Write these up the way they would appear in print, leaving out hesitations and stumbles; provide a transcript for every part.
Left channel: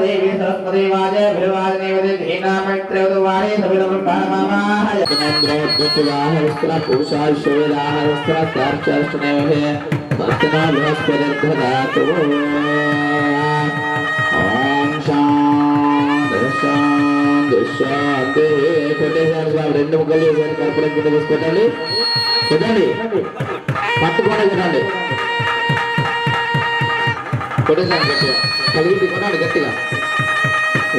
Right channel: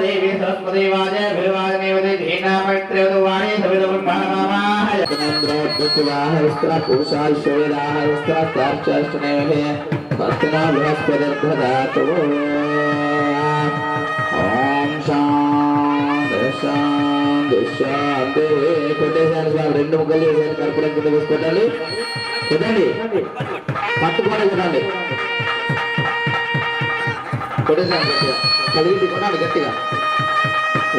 देवी सरस्वती वाजे भिवाजने वदे धीना मैत्रे वदवाणी सविद ब्रह्माणमामाय तनेन्द्रोद्यतवाह विस्त्र पुरुषाय शोयदाह विस्त्र कार्चर्षणेभे वर्तना बृहस्पतिर्धदातु ओम शांति शांति शांति कोटेशन साहब రెండు ముక్కలు చేశారు కర్పూరం కింద వేసుకోవాలి కుదండి పట్టుకోవాలి కుదండి కొట్టేసాను గట్టిగా కలిగి కొనాలి గట్టిగా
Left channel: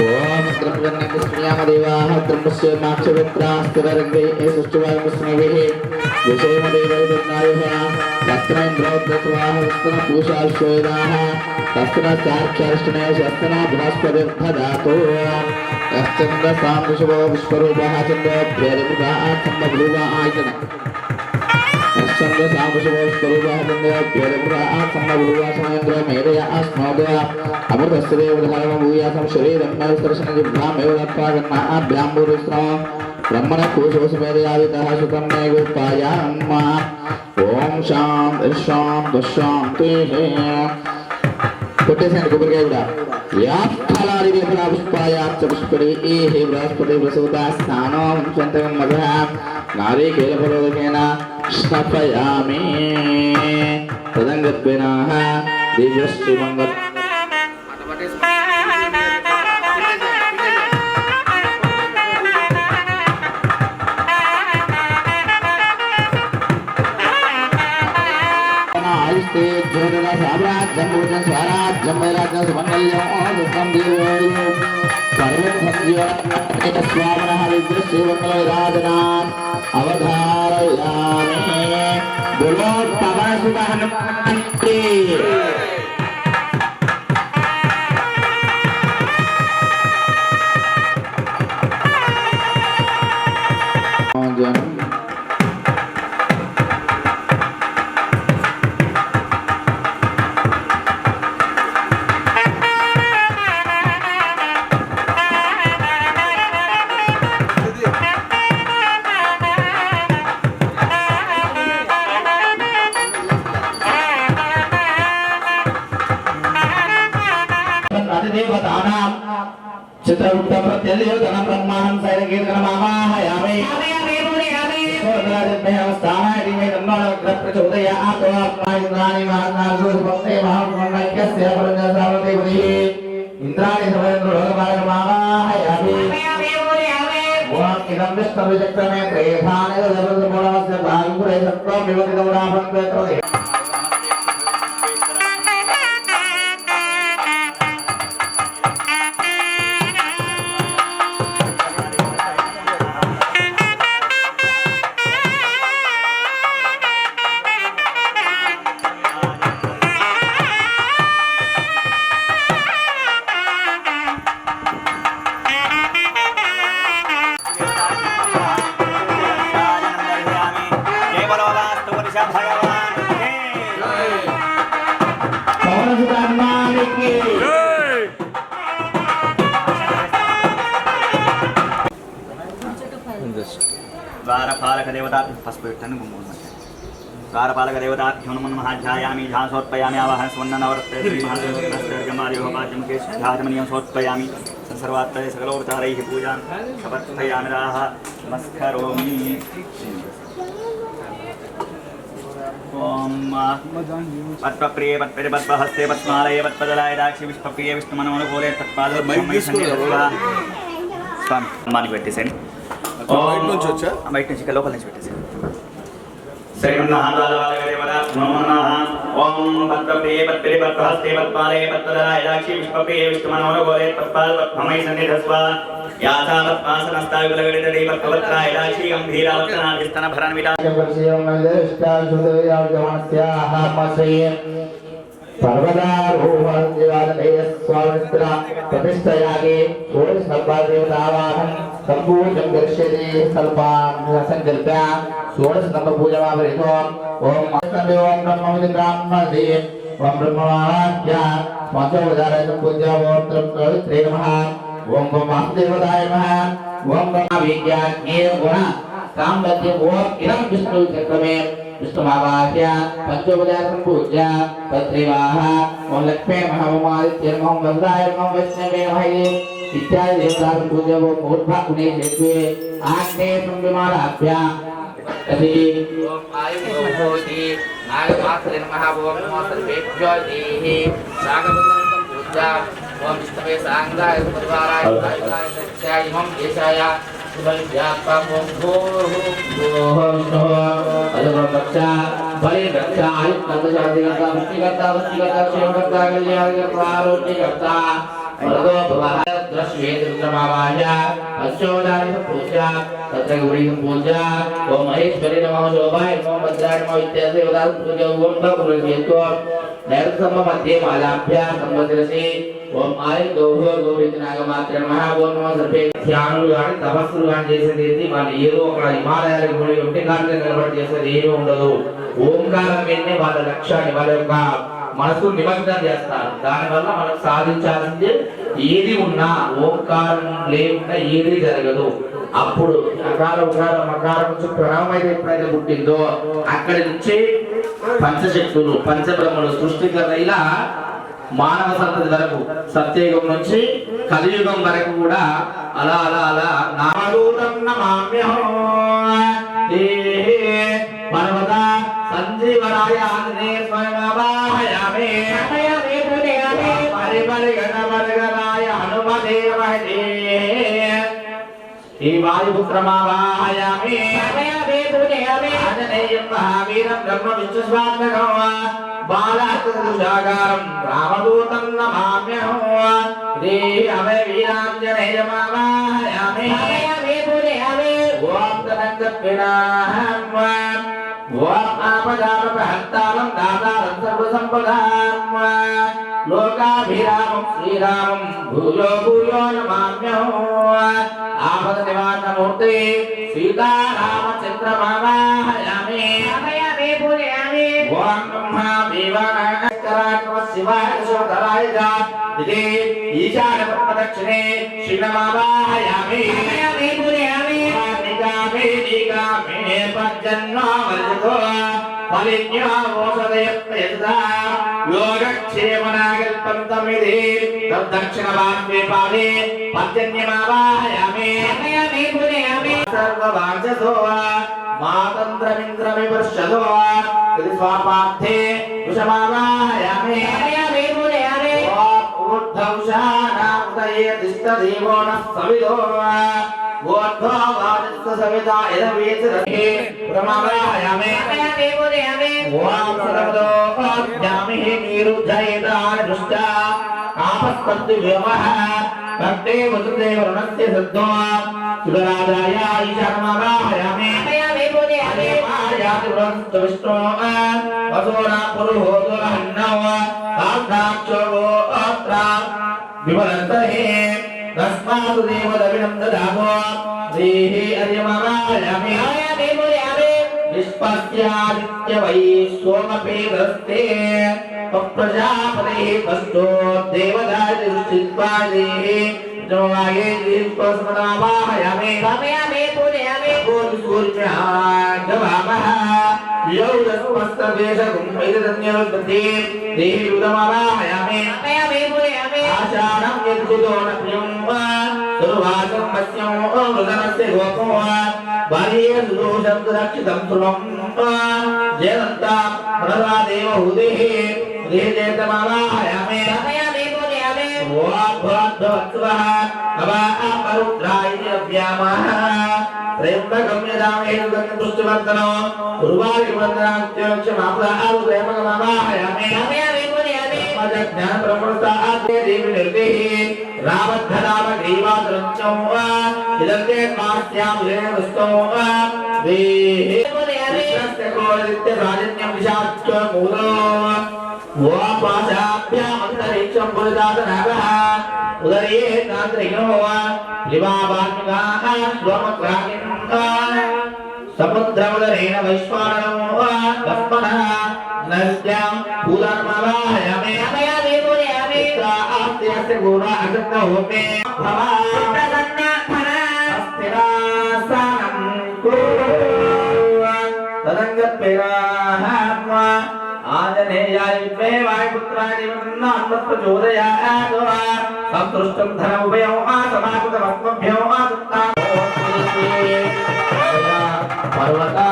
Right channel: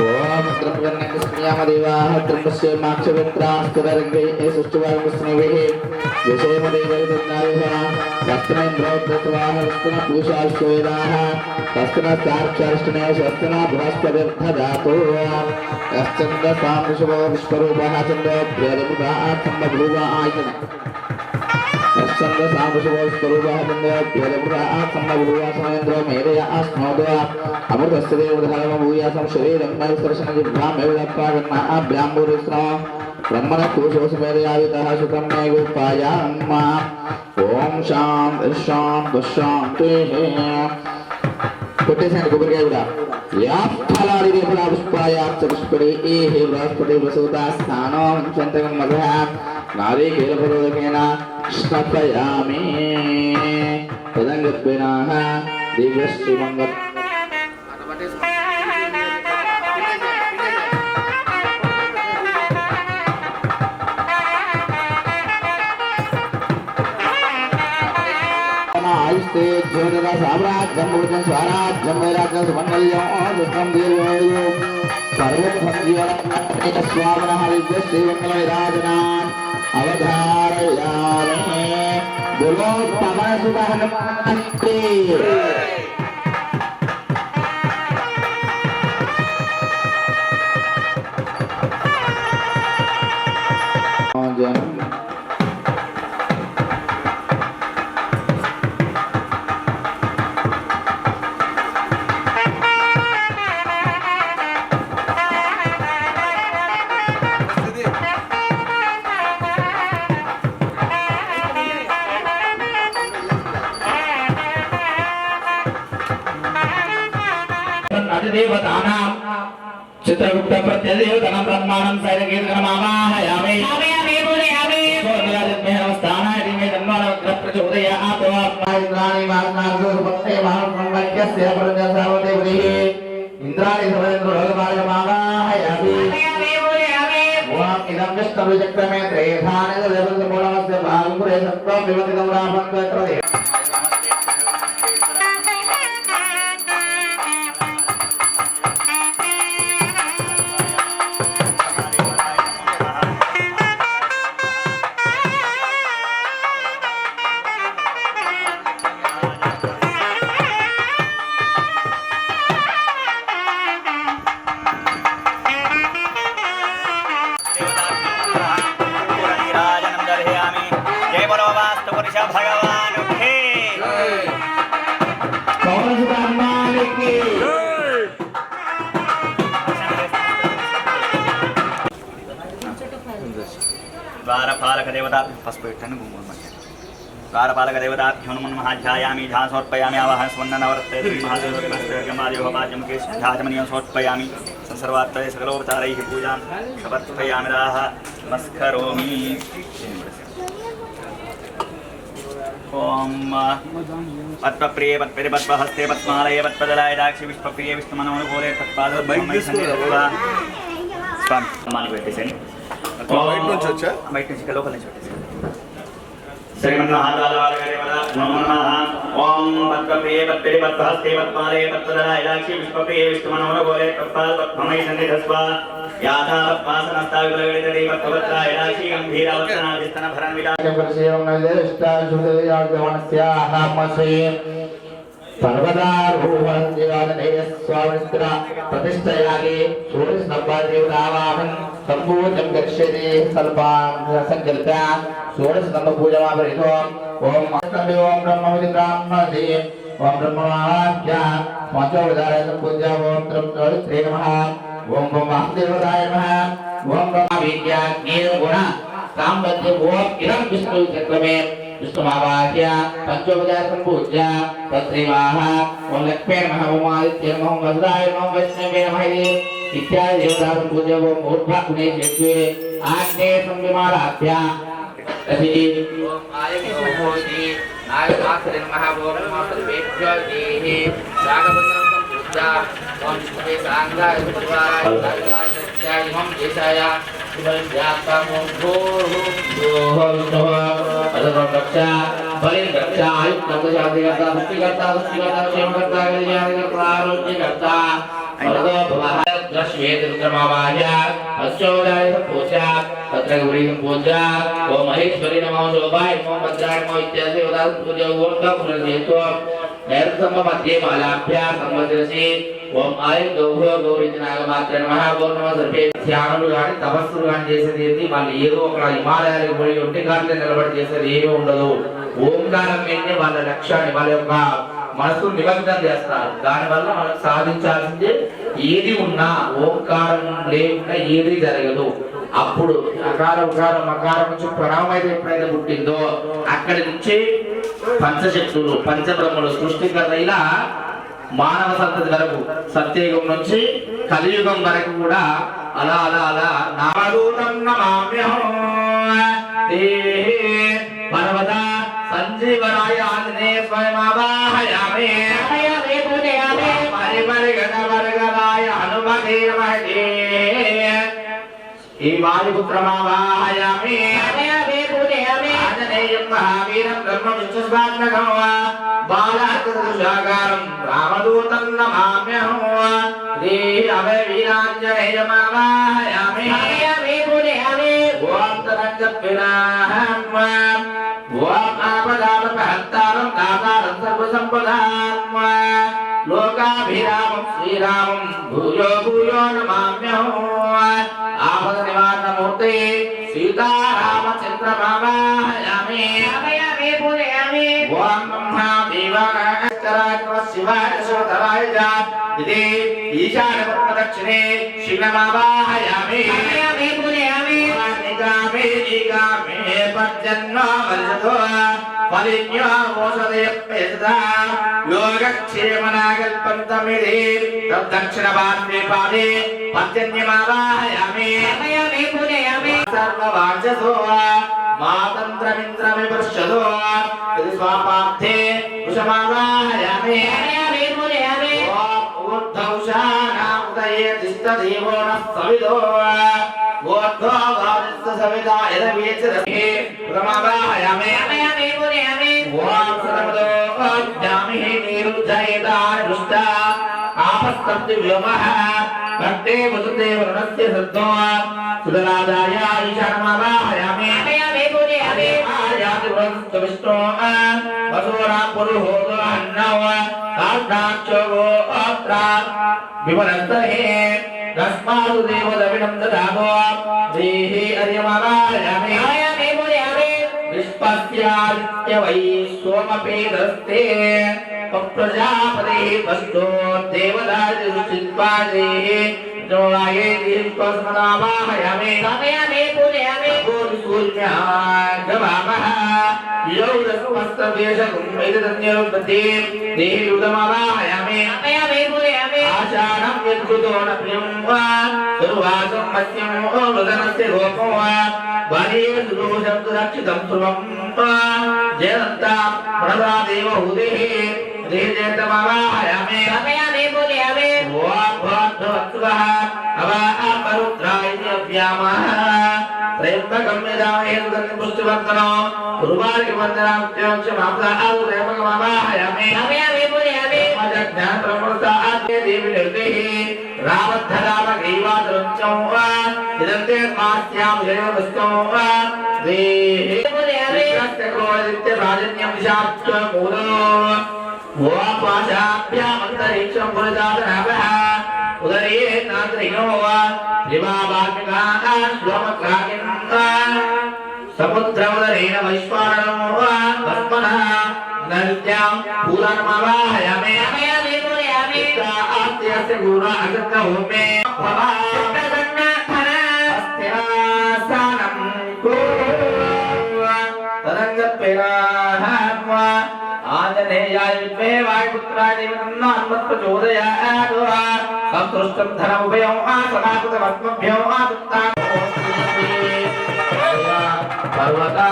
ఓం ద్రవ్యన్యస్మయామదేవాః ద్రవ్యస్య మాక్షవిత్రాస్తురంగే సుష్ఠువాయుస్మవిః విషయమదేవైర్నాయః వస్త్రైంద్రోద్భవాః వస్త్ర పూషాశ్వేదాః వస్త్ర చార్చార్ష్టనే శస్త్ర బృహస్పతిర్ధదాతు యశ్చంద్ర సాంశుభో విశ్వరూపః చంద్ర ప్రియదముఖః సంభూవా ఆయతన संग सामशुभो स्वरूपः चन्द्र प्रियदपुरः सम्मगुरुः समयन्द्रो मेधया अस्मोदय अमृतस्ते उदाहरणं भूयासं शरीरं मयस्त्रशनजिह्वामेव दत्त्वा अभ्याम्बुरिस्रो ब्रह्मण कोशोसमेधयावितः सुतं मे गोपायाम् ओम शांति शांति शांतिः कोटेसन गुबरगाय उडा या फलारि वेदना पुष्पायाश्च पुष्परे हे बृहस्पति वसुता स्थानो चन्तकं मधः नारिकेलफलोदकेन स्थापयामि तदंगत्वेनः दिव्यश्रीमङ्गल आयुष्ते ज्योतिष साम्राज्यं भूषण स्वराज्यं वैराज्यं सुमङ्गल्यं दुःखं दीर्घायु पर्वतभद्र्योः स्वामिनः दिव्यश्रीमङ्गलविराजनाम् अवधारयामि बोलो पवन सुत हनुमान की देवतानां चित्रगुप्त प्रत्यदेवतानां ब्रह्माणं सैरगीर्गणमावाहयामि स्थानाय दिमे तन्मानवग्र प्रचोदयात् आत्माइन्द्राणि वासनासुभक्ते महाब्रह्मण्यस्य परमसावदेवैः इन्द्राणि सर्वेन्द्रोगमावाहयामि ओम इदं विष्णुचक्रमे त्रेधाने देवतमूलस्य भागपुरे सत्त्वं विवति गौराभङ्गकृते भगवान हे पवन सुत हनुमान की द्वारपालक देवता पस्पेठन गुमोन द्वारपालक देवता ह्युनमन महाध्यायामि ध्यान समर्पयामि आवाहन स्वर्ण नवरत्ते श्री महादेव नमस्ते गमादि भवाजम के ध्यानमनियम समर्पयामि संसर्वात्तये सकलोपचारैः पूजां समर्पयामि राह नमस्करोमि ओम पद्मप्रिये पद्मपदे पद्महस्ते पद्मालये पद्मदलाय दाक्षि विष्णुप्रिये विष्णुमनोनुकूले तत्पादोर्मयि सन्निधत्वा स्वामी मानिक व्यक्ति से బయట నుంచి వచ్చా బయట నుంచి లోపల నుంచి పెట్టేసి శ్రీమన్నారాయణ ఓం పద్మప్రియ పత్రే పద్మహస్తే పద్మాలే పద్మధరాయ రాక్షి విష్పప్రియ విష్ణుమనోరగోరే తత్పాల్ పద్మమై సన్నిధస్వ యాథా పద్మాసనస్తావిగలగడితే పద్మవత్రాయ రాక్షి గంభీరావతనాదిస్తన భరణ విరాజం पर्वतारोहणदेवालयस्वामित्र प्रतिष्ठयागे षोडशस्तम्भदेवतावाहनं सम्पूजं करिष्यति स्वल्पां संकल्प्य षोडशस्तम्भपूजमावरितो ॐ ओम ब्रह्मविदि ब्राह्मणे ओम ब्रह्मवाक्य पंचोपचाराय पूज्य ओम त्रिमूर्तये नमः ओम वासुदेवाय नमः ओम ब्रह्मविद्याज्ञे गुण सामर्थ्य ओम इदं विष्णु चक्रमे विष्णुमावाह्य पंचोपचार संपूज्य तत्रेवाह ओम लक्ष्मी नमः ओम आदित्य नमः ओम वज्राय नमः वैष्णवे नमः इत्यादि देवता संपूज्य ओम ऊर्ध्वगुणे चेत्वे आग्नेय संविमानाभ्य तभी ओम आयुर्भोति नागमात्रे नमः ओम नमः सर्वेभ्यो देहि सागबन्धनं संपूज्य ओम विष्णवे सांगाय परिवाराय दायिकाय सत्याय ओम देशाय ओम आय गौह गोविंदनागमात्र नमः ओम नमः सर्वे ధ్యానులు గాని తపస్సులు గాని చేసేది ఏంటి వాళ్ళు ఏదో ఒక హిమాలయాలకు పోయి ఉంటే గాని నిలబడి చేసేది ఏమీ ఉండదు ఓంకారం మీదనే వాళ్ళ లక్ష్యాన్ని వాళ్ళ యొక్క మనసు నిమగ్నం చేస్తారు దానివల్ల మనం సాధించాల్సింది ఏది ఉన్నా ఓంకారం లేకుండా ఏది జరగదు అప్పుడు అకార ఉకార మకారం నుంచి ప్రణవం అయితే ఎప్పుడైతే పుట్టిందో అక్కడి నుంచి పంచశక్తులు పంచబ్రహ్మలు సృష్టికర్త ఇలా మానవ సంతతి వరకు సత్యయుగం నుంచి కలియుగం వరకు కూడా అలా అలా అలా నామదూతం నమామ్యహం పర్వత సంజీవరాయ ఆదినే స్వయమావాహయామి పరిమళగణవర్గరాయ హనుమదేవహే ఈ వాయుపుత్రమావాహయామి ఆంజనేయం మహావీరం బ్రహ్మ విశ్వస్వాత్మకం బాలాకృషాకారం రామదూతం నమామ్యహం శ్రీ అభయ వీరాంజనేయమావాహయామి ఓం తరంగపినాహం ఓం ఆపదాపహర్తారం దాతారం సర్వసంపదాం లోకాభిరామం శ్రీరామం భూయో భూయో నమామ్యహం ఆపద నివారణమూర్తే సీతారామచంద్రమావాహయామి ఓం బ్రహ్మా దేవానాయ శివాయ శివధరాయ ఇదే ఈశాన ప్రదక్షిణే శివమావాహయామి నిగామే నిగామే పర్జన్యో వల్లితో ఫలిన్యో మోసదే పేదా యోగక్షేమనాగల్పంతమిదే తద్దక్షిణవాన్వే పాదే పర్జన్యమావాహయామి సర్వవాంఛతో మాతంత్రమింద్రమివర్షదో ఇది స్వాపార్థే కుశమావాహయామి ఊర్ధ్వౌషానాముదయే దిష్టదేవో నః సవిదో ఊర్ధ్వవాదిత్త సవితా యదవేచదహే ప్రమావాహయామి ఓం సర్వదో అభ్యామి నిరుద్ధయేతాని దుష్ట ఆపస్తంతు వ్యోమః భక్తే వసుదే వరుణస్య సద్దో సుదరాదాయ ఈశానమావాహయామి విష్ణు వసోరా పురుహోదో అన్నవ కాష్టాక్షో విమలస్తహే తస్మాత్ దేవదవిడం దదామో దేహి అర్యమావాహయామి నిష్పత్యాదిత్య వై సోమపేదస్తే ప్రజాపతి వస్తో దేవదారి ఋషిత్వాదే జోలాయే దీపస్మనావాహయామి సూర్మ్యాగవామః యోగస్మస్తదేశకం వేదన్యోత్పత్తి దేహి ఉదమావాహయామి ఆషాఢం యద్గుతోన ప్రియం వా దుర్వాసం మత్యం మృదనస్య రూపం వా వారీయదోషం రక్షితం ధ్రువం జయంత ప్రణవా దేవ హృదేః దేహేతమావాహయామి ఓం భగవత్వః అవా అపరుద్రాయ అభ్యామః त्र्यंबकं यजामहे सुगन्धिं पुष्टिवर्धनं उर्वारुकं वन्दनां माता प्रेमकमावाहयामि ज्ञान ब्रह्मस्ता आद्य देवी निर्देहि रावद्धदाम ग्रीवादरंचो इदन्ते मास्यां लेनवस्तो देहि नस्तकोदित्य राजन्यं दिशाच्च मूलो वापाशाभ्याम् अन्तरिक्षं पुरजातनाभः उदरे नाद्रियो दिवावाग्निकाः स्वमग्रागिन्ता समुद्रमुदरेण वैश्वानरो पद्मनः नद्यां पूर्णमावाहयामि आस्ते गुणा अगत्य होमे अस्थिरासानं तदङ्गत्पेराहत्व आंजनेयाय विद्महे वायुपुत्राय धीमहि प्रचोदयात् संतुष्टं धनमुभयो समाकृतमत्मभ्यो पर्वता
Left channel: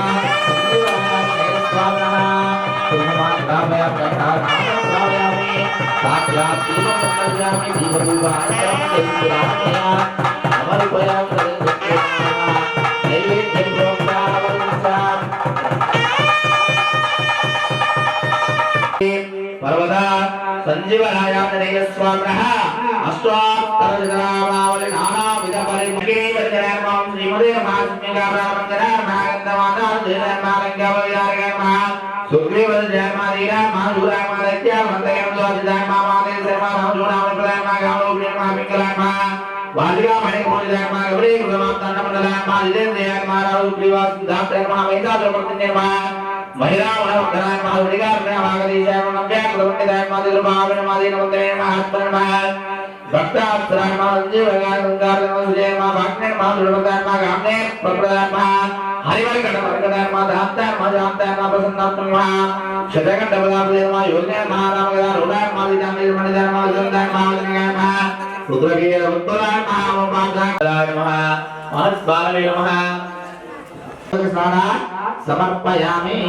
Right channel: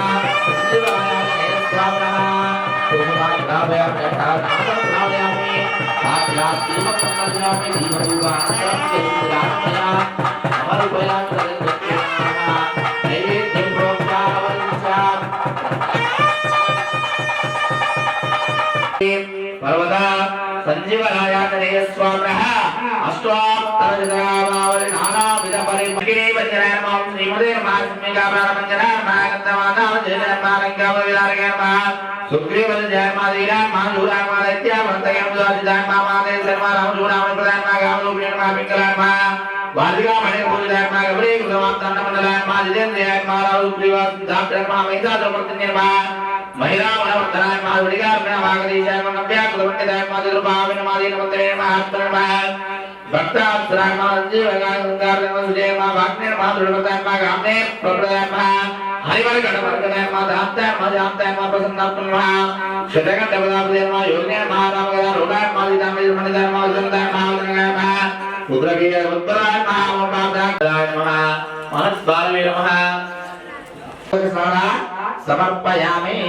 पर्वता संजीवनाय स्वामिनः अष्टोत्तरजनामावलि नानाविध परिमकिनी वज्रनामां श्रीमते महात्म्यगामनमञ्जनामागन्धमानाजयमारङ्गावविदारगेर्मः सुग्रीवजयमादीरामाजूरामादैत्यामन्तयं ज्योतिदामादे सर्वानां जूरामप्रदायमागामलोकिणमापिङ्गलान्मः वार्तिकामणिपूजितान्मः गौरीकृतमात्तन्नमण्डलान्मः जितेन्द्रियान्मः महिला वनवर्धनाय महाविद्यालय महागरीशाय नव्याकुलपण्डिताय मातृभावेन मादीनवन्दने महात्मनः भक्ताप्सराय महाजीवगाय गंगाधर सुजय महाभाग्ने महादुर्गताय महागामने प्रप्रदाय हरिवर्गणवर्गणाय महाधामताय महाजामताय महाप्रसन्नात्मनः शतकण्डपदापदे महायोगिने महारामगदा रोगाय महादितामय मणिदाय महाजनदाय महावदनाय महा रुद्रगीय उद्भवाय महामोपादाय महा महास्वामी नमः समर्पयामि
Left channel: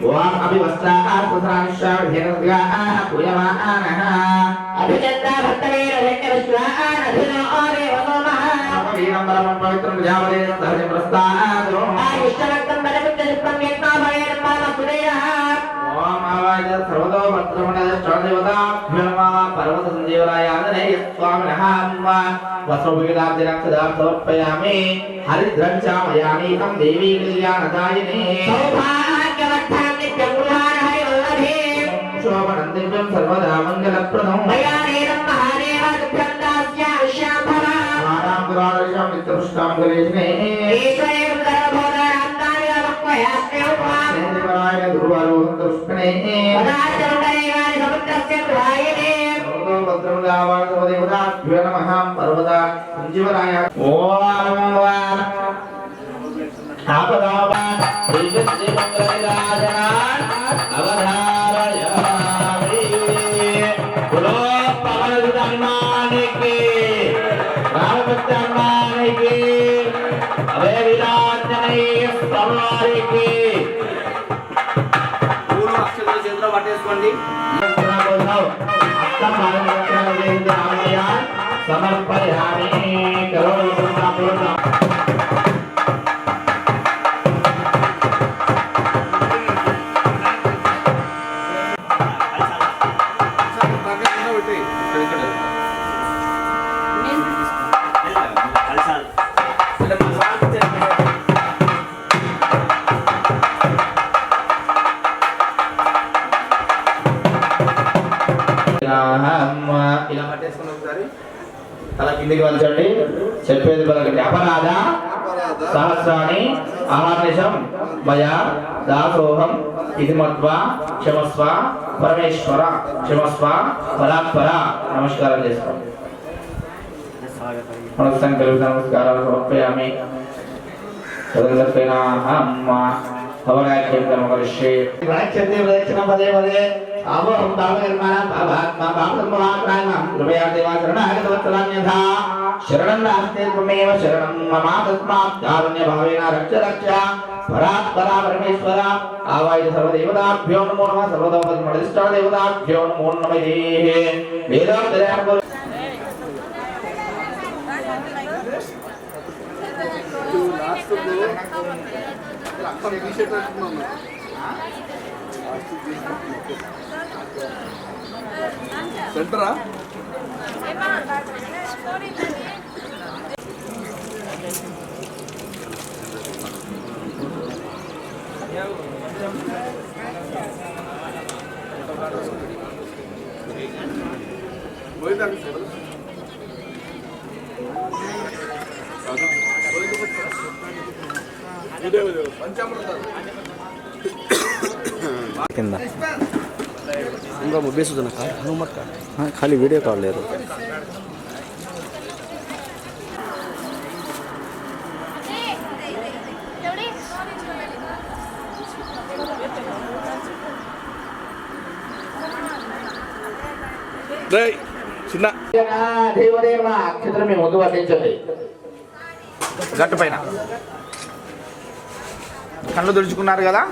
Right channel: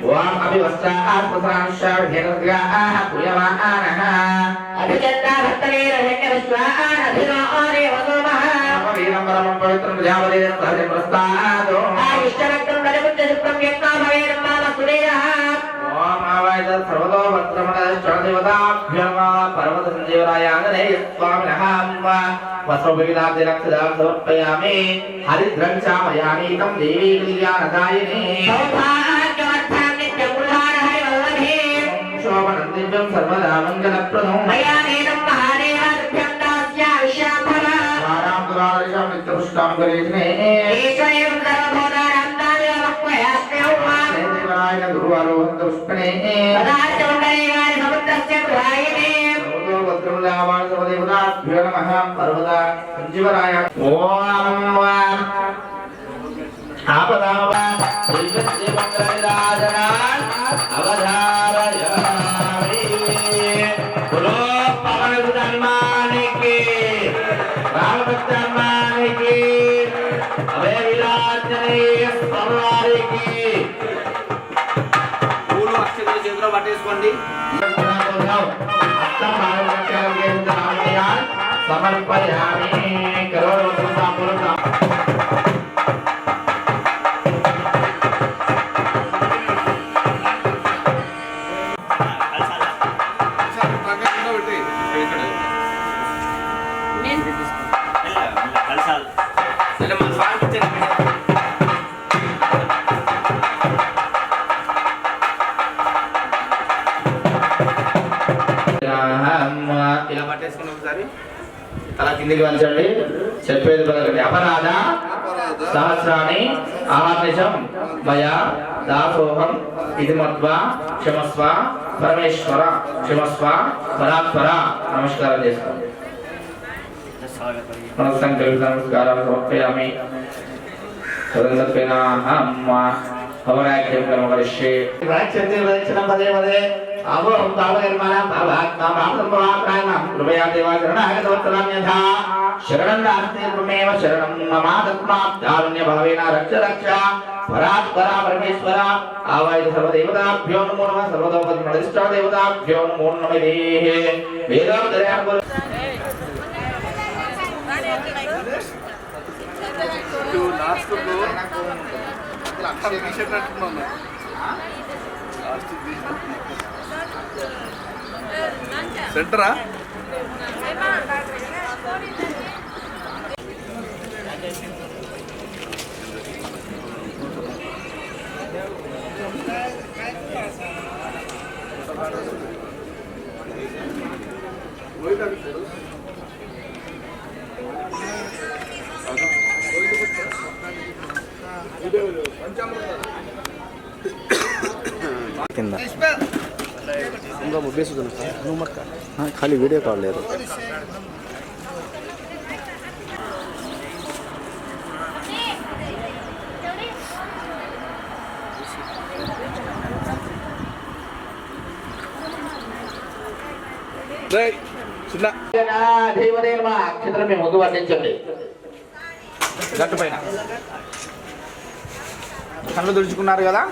वाम अभिवस्त्रास्त्रानिश्चाढ्यगद्गाः पूयमानः अभिजन्ता भक्तवीर धन्यविश्वान् अभिनोरे वसोमः वीरं परमं पवित्रं प्रजापते सहजे प्रस्तादो आयुष्यवक्तं बलबुद्धियुक्तं यत्नो भवेत् मानसुदेयः ओम आवाज सर्वतो भद्रमणश्चदेवताभ्यो पर्वतसञ्जीवराय आञ्जनेय स्वामिनः वस्त्रविविधाब्धिरक्षदां समर्पयामि हरिद्रं चामयानीतं देवी कल्याणदायिनी सौभाग्यवत्तां नित्यमुल्लारहरिवल्लभे शोभनं दिव्यं सर्वदा मङ्गलप्रदं मयानेनं महादेवाभ्यं दास्याविश्याम्भव स्वानां पुरादर्शं नित्यपुष्टां गरीष्णे ईश्वरेव सर्वभूतानां दानवक्वयास्म्यौमां देवाय गुरुवारोहन्तुष्णे सदाचौण्डरेगाय समुद्रस्य प्रवाहिने देवताभ्यो नमः पर्वता संजीवनाय ओम आपदावा दिव्यस्य मंगलराजना अवधारयामि बोलो पवन हनुमान की रामभक्त हनुमान की अभय विराजनीय स्वामी की पूर्ण अक्षर చేతిలో పట్టేసుకోండి समर्पयामि ఇలా పట్టేసుకుని ఒకసారి అలా కిందికి వంచండి చెప్పేది పలకండి అపరాధ సహస్రాణి ఆహార్నిశం మయ దాసోహం ఇది మత్వా క్షమస్వ పరమేశ్వర క్షమస్వ పరాత్పర నమస్కారం చేసుకోండి నమస్కారాలు సమర్పయామి हवनाख्यं कर्म करिष्ये प्राच्यते वदक्षणं पदे पदे अवहं तावनिर्माणं भावात्मा भावसम्भवाप्रायणं कृपया देवाचरणागतवत्सलान्यथा शरणं नास्ति त्वमेव शरणं मम तस्मात् कारुण्यभावेन रक्ष रक्ष परात्परा परमेश्वर आवाय सर्वदेवताभ्यो नमो नमः सर्वदेवताभ्यो नमो नमः वेदान्तरयां సెంటరా కింద ఇంకా ముద్దేసి హనుమత్ ఖాళీ వీడియో కాల్ లేదు చిన్న అక్షరం ముందు వర్ణించండి గట్టు పైన కళ్ళు తుడుచుకున్నారు కదా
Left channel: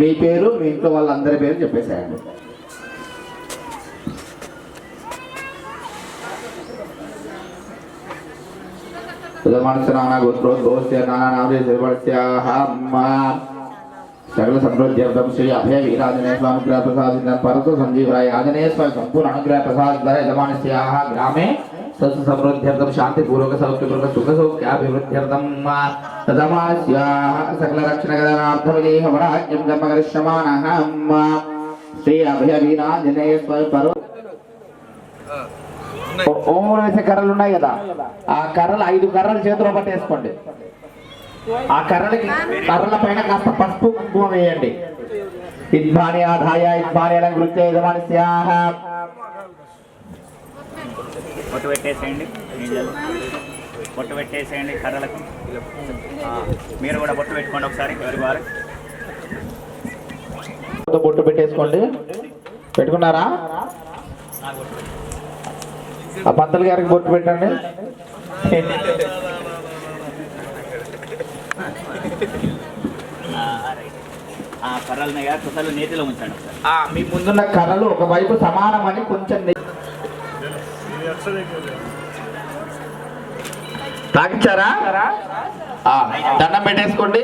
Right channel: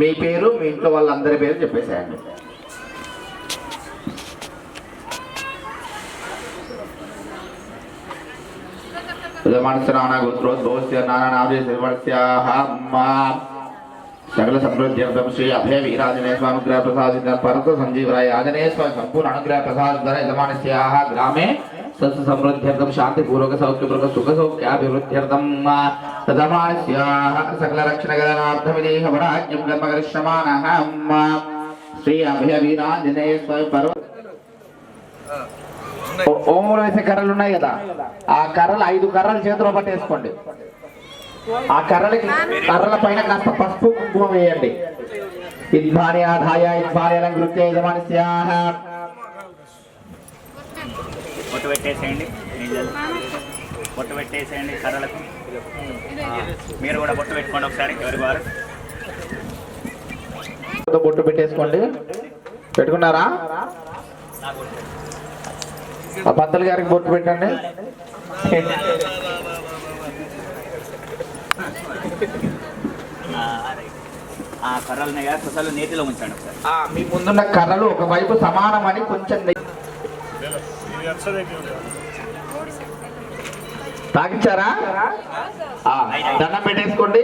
మీ పేరు మీ ఇంట్లో వాళ్ళందరి పేరు చెప్పేసేయండి. సకల సమృద్ధ్యర్థం శ్రీ అభయ వీరాజనే స్వామి గ్రహ ప్రసాద పరత సంజీవరాయ ఆంజనేయ స్వామి సంపూర్ణ అనుగ్రహ ప్రసాద యజమానస్యాః గ్రామే సస్య సమృద్ధ్యర్థం శాంతి పూర్వక సౌఖ్యపూర్వక సుఖ సౌఖ్యాభివృద్ధ్యర్థం తదమాస్యాః సకల రక్షణగణార్థమిదేహ వరాజ్యం కర్మకరిష్యమాణః శ్రీ అభయ వీరాంజనేయ స్వామి పరమ ఓములు వేసే కర్రలు ఉన్నాయి కదా, ఆ కర్రలు 5 కర్రలు చేతిలో పట్టేసుకోండి. ఆ కర్రల పైన కాస్త పసుపు కుంకుమ వేయండి. ఇద్మాని ఆదాయ ఇద్మాని అలంకృత్య యజమానస్యాః పొట్టు పెట్టేసేయండి, పొట్టు పెట్టేసేయండి కర్రలకు. మీరు కూడా పొట్టు పెట్టుకోండి ఒకసారి ఎవరి వారు. బొట్టు పెట్టేసుకోండి. పెట్టుకున్నారా? ఆ పంతులు గారికి బొట్టు పెట్టండి. ఆ కర్రలని అసలు నేతిలో ఉంచండి ఒకసారి. మీ ముందున్న కర్రలు ఒకవైపు సమానమని కొంచెం తాగించారా? దండం పెట్టేసుకోండి.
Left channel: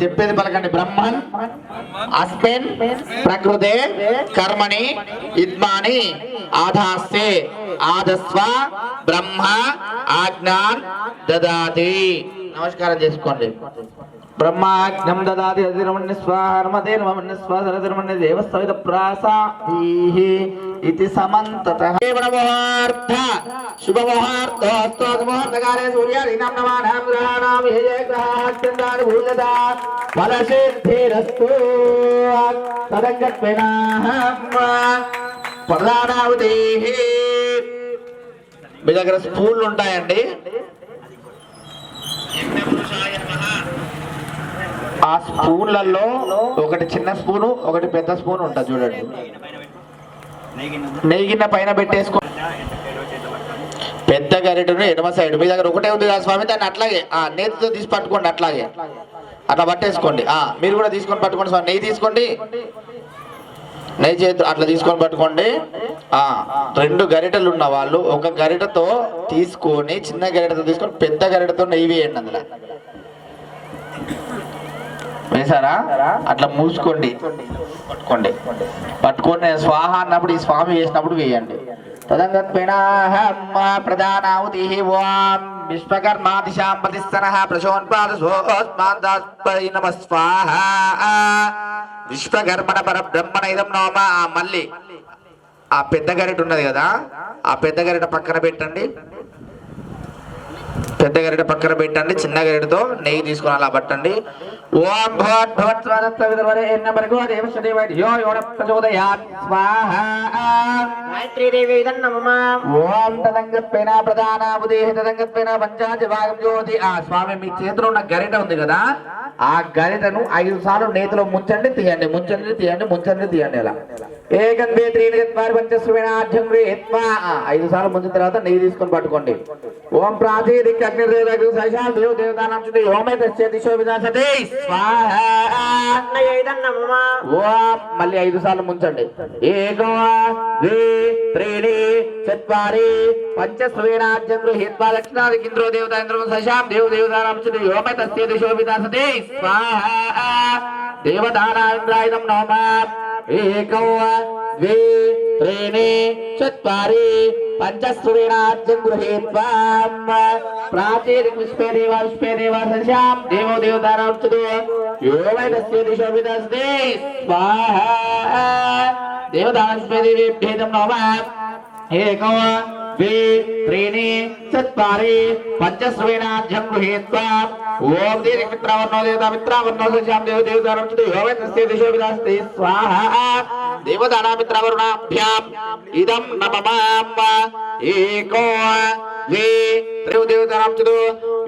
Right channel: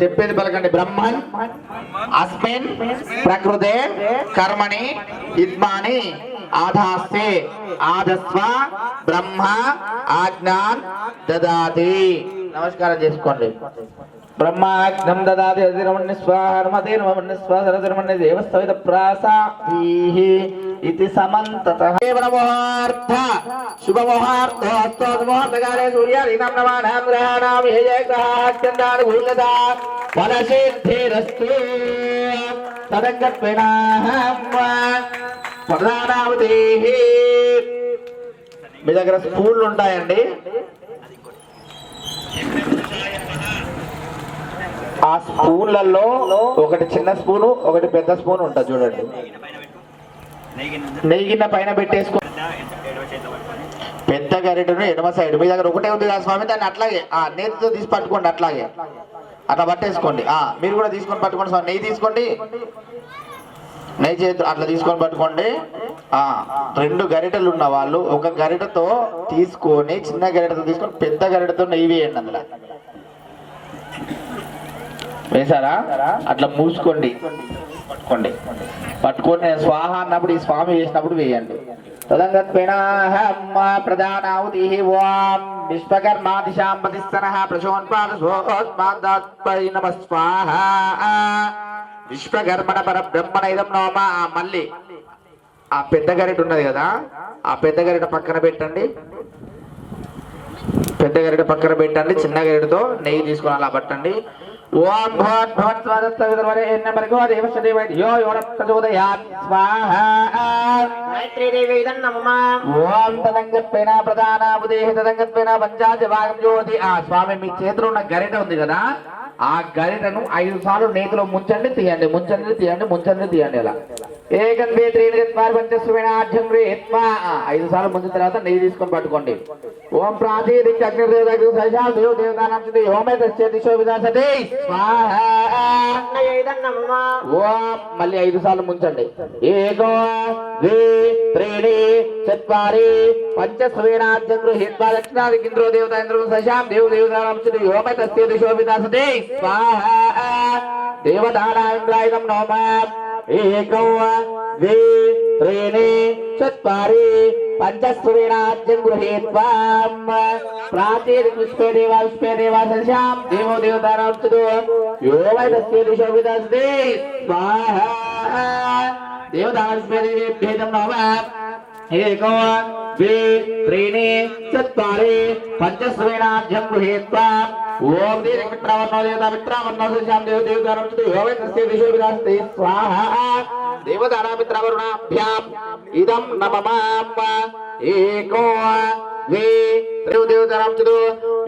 చెప్పేది పలకండి. బ్రహ్మన్ అస్మిన్ ప్రకృతే కర్మణి ఇద్మాని ఆధాస్తే ఆదస్వ బ్రహ్మ ఆజ్ఞాన్ దదాతి. నమస్కారం చేసుకోండి. బ్రహ్మాగ్నం దదాతి అధిరమణ్య స్వాహర్మతే నమన్య స్వాహరమణ్య దేవస్థవిత ప్రాసాహి ఇతి సమంతతః ముహూర్త శుభ ముహూర్త ముహూర్తకాలే సూర్యాదీనాం నవానాం గ్రహాణాం ఏ గ్రహాత్యంతాని భూయతా ఫలసిద్ధిరస్తు తదంగత్వేనాహం ప్రధానావతేః. మీ దగ్గర స్పూన్లు ఉంటాయండి. ఆ స్పూన్లలో ఒకటి చిన్న స్పూను ఒకటి పెద్ద స్పూన్ ఉంటుంది చూడండి. నెయ్యి గిన్నె పైన పెట్టేసుకో. పెద్ద గరిటెను ఎడమ సైడ్. మీ దగ్గర ఒకటే ఉంది కదా స్వామి, దాన్ని అట్లాగే నేతితో తీసి పట్టుకోండి. అట్లాగే అట్లా పట్టేసుకోండి. మీరు కూడా తీసుకొని పట్టుకోండి స్వామి. నెయ్యి తీసుకోండి. నెయ్యి చేతి అట్లా తీసుకొని పట్టుకోండి. 2 గరిటెలు ఉన్న వాళ్ళు ఒక గరిటెతో తీసుకొని చిన్న గరిటెతో తీసుకొని పెద్ద గరిటెతో నెయ్యి వేయండి. అందులో వేసారా? అట్లా మూసుకోండి. పట్టుకోండి. పట్టుకొని స్వాహ అన్నప్పుడు ఈ స్వామి వేసినప్పుడు వేయండి. ప్రధానాహుతి ఓం విశ్వకర్మాదిశాం ప్రతిస్తనః ప్రశోన్పాదోస్మాదస్మై నమః స్వాహ. విశ్వకర్మణ పరబ్రహ్మణ ఇదం నమః. మళ్ళీ ఆ పెద్ద గరిట ఉన్నది కదా, ఆ పెద్ద గరిట పక్కన పెట్టండి. పెద్ద గరిట పక్కన పెట్టండి. చిన్న గరిటతో నెయ్యి తీసుకొని అలా పట్టండి. ఓం భవత్ భవత్ స్వాదత్వరేణ మర్గో దేవస్వదేవయో యోరప్రచోదయాత్ స్వాహ. గాయత్రీ దేవి నమః. ఓం తదంగత్వేన ప్రధానావదేహ తదంగత్వేన పంచాది భాగం జ్యోతి. స్వామి మీ చేతిలో ఉన్న గరిట ఉంది కదా, ఆ గరిటను 5 సార్లు నేతిలో ముంచండి తీయండి, ముంచండి తీయండి, ముంచండి తీయండి. ఇలా ఏకం వే త్రీని గత్వార్ పంచస్వేనాఢ్యం రేత్వా 5 సార్లు ముంచిన తర్వాత నెయ్యి తీసుకొని పట్టుకోండి. ఓం ప్రాచీదిక్ అగ్నిదేవతకు సైషాం దేవ దేవతానాం చుతే ఓమే తస్య దిశో వినాశతే స్వాహా. ఓం మళ్ళీ 5 సార్లు ముంచండి. ఏకం వే త్రీని చత్వారి పంచస్వేనాఢ్యం రేత్వా దక్షిణాదిక్ ఇంద్రో దేవతా ఇంద్రో సైషాం దేవ దేవతానాం చుతే ఓమే తస్య దిశో వినాశతే స్వాహా. దేవతానామింద్రాయుధం నమః. ఏకం ద్వే త్రీణి చత్వారి పంచస్వేనాఢ్యం గృహీత్వా ప్రాచీదిక్ విశ్వే దేవా సశ్యాం దేవో దేవతానాం చుతో యో వై తస్య దిశో విదస్తి స్వాహా. దేవతానాం విశ్వే దేవేభ్యేతం నమః. ఏకం ద్వే త్రీణి చత్వారి పంచస్వేనాఢ్యం గృహీత్వా ఓం దీర్ఘమిత్రావర్ణో దేవతా మిత్రావర్ణో సశ్యాం దేవ దేవతానాం చుతో యో వై తస్య దిశో విదస్తి స్వాహా. దేవతానామిత్రవరుణాభ్యాం ఇదం నమః. ఏకో ద్వే దేవతానాం చుతో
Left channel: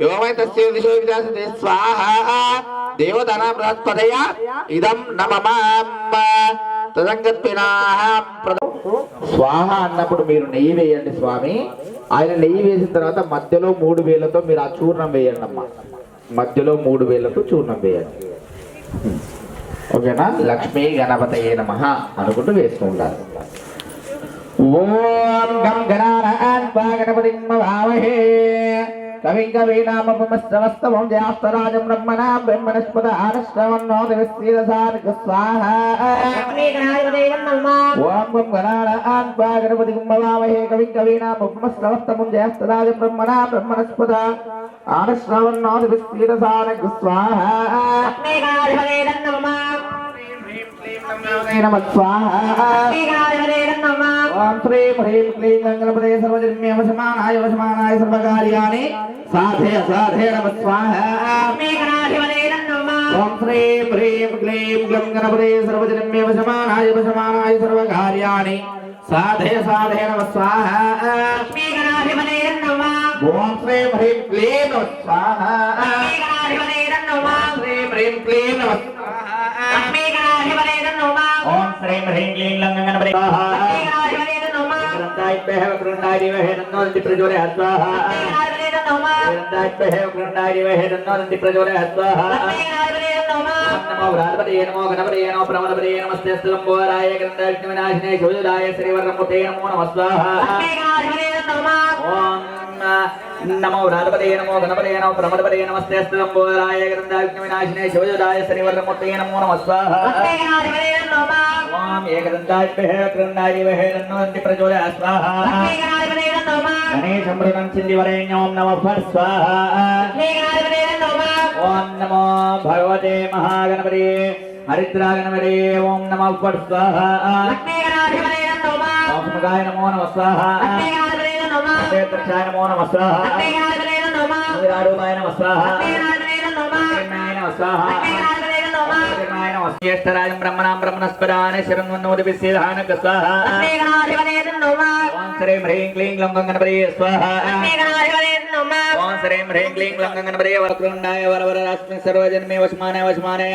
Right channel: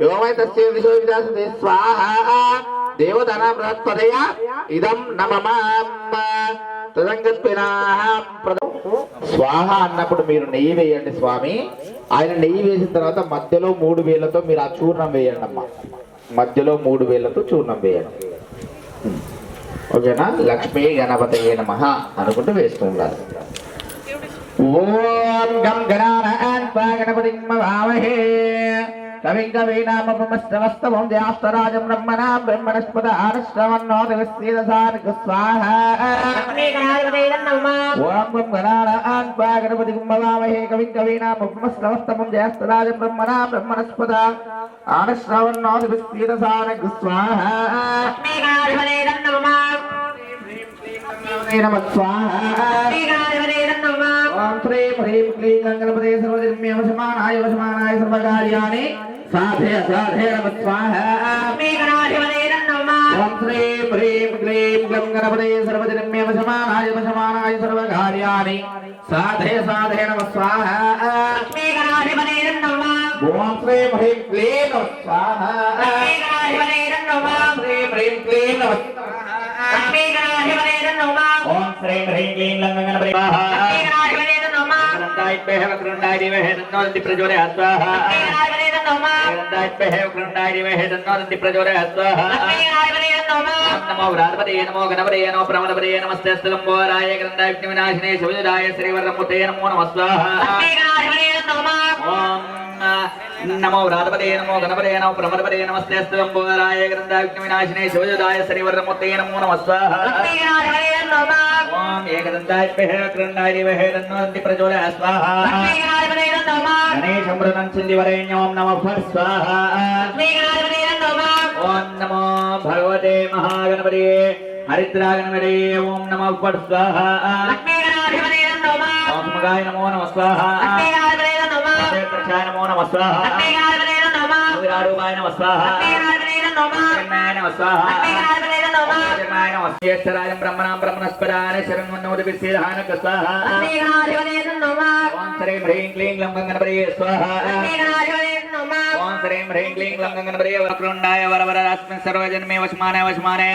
యో వై తస్య దిశో విదస్తి స్వాహా. దేవతానాం బృహస్పతయ ఇదం నమః. తదంగత్పినాహం స్వాహ అన్నప్పుడు మీరు నెయ్యి వేయండి స్వామి. ఆయన నెయ్యి వేసిన తర్వాత మధ్యలో 3 వేలతో మీరు ఆ చూర్ణం వేయండి అమ్మా. మధ్యలో 3 వేలతో చూర్ణం వేయండి. ఓకేనా? లక్ష్మీ గణపతయే నమః అనుకుంటూ వేస్తున్నారు. ఓం గం గణానాన్వా గణపతిం భావహే కవిం కవీనామపమస్తవస్తవం జ్యేష్ఠరాజం బ్రహ్మణాం బ్రహ్మణస్పద ఆనశ్రవన్నో దివస్యదసార్గ స్వాహా. ఓం గం గణానాన్వా గణపతిం భావహే కవిం కవీనామపమస్తవస్తవం జ్యేష్ఠరాజం బ్రహ్మణాం బ్రహ్మణస్పద ఆనశ్రవన్నో దివస్యదసార్గ స్వాహా. నమః స్వాహా. ఓం శ్రీం హ్రీం క్లీం గణపతే సర్వజన్మే వశమానాయ వశమానాయ సర్వకార్యాణి సాధయ సాధయ నమః స్వాహా. ఓం శ్రీం హ్రీం క్లీం గణపతే సర్వజన్మే వశమానాయ వశమానాయ సర్వకార్యాణి సాధయ సాధయ నమః స్వాహా. ఓం శ్రీం హ్రీం క్లీం నమః స్వాహా. శ్రీం హ్రీం క్లీం నమః ఓం శ్రీం హ్రీం క్లీం గణపతే స్వాహా. కృండాయ దేవహే తన్నోదంతి ప్రచోదయాత్ స్వాహా. కృండాయ దేవహే తన్నోదంతి ప్రచోదయాత్ స్వాహా. నమో వ్రాతపతయే నమో గణపతయే నమో ప్రమదపతయే నమస్తేస్తు గంభోరాయ గ్రంథాయ విఘ్నవినాశినే శివజుదాయ శ్రీవర్రమూర్తయే నమో నమః స్వాహా. నమో వ్రాతపతయే నమో గణపతయే నమో ప్రమదపతయే నమస్తేస్తు గంభోరాయ గ్రంథాయ విఘ్నవినాశినే శివజుదాయ శ్రీవర్రమూర్తయే నమో నమః స్వాహా. ఓం ఏకదంతాయ కృండాయ దేవహే తన్నోదంతి ప్రచోదయాత్ స్వాహా. గణేశం మృతం చిందివరేణ్యం నమః స్వాహా. ఓం నమో భగవతే మహాగణపతయే హరిద్రాగణపతయే ఓం నమః స్వాహా. ఓం సుముఖాయ నమో నమః స్వాహా. క్షేత్రక్షాయ నమో నమః స్వాహా. విరారూపాయ నమః స్వాహా. నమః స్వాహా. జ్యేష్ఠరాజం బ్రహ్మణాం బ్రహ్మణస్పదానే శరణ్వన్నోదిభిస్సేదానక స్వాహా. ఓం శ్రీం హ్రీం క్లీం గ్లం గణపతయే స్వాహా. ఓం శ్రీం హ్రీం క్లీం గ్లం గణపతయే వరకృండాయ వరవరరాస్మి సర్వజన్మే వశమానాయ వశమానాయ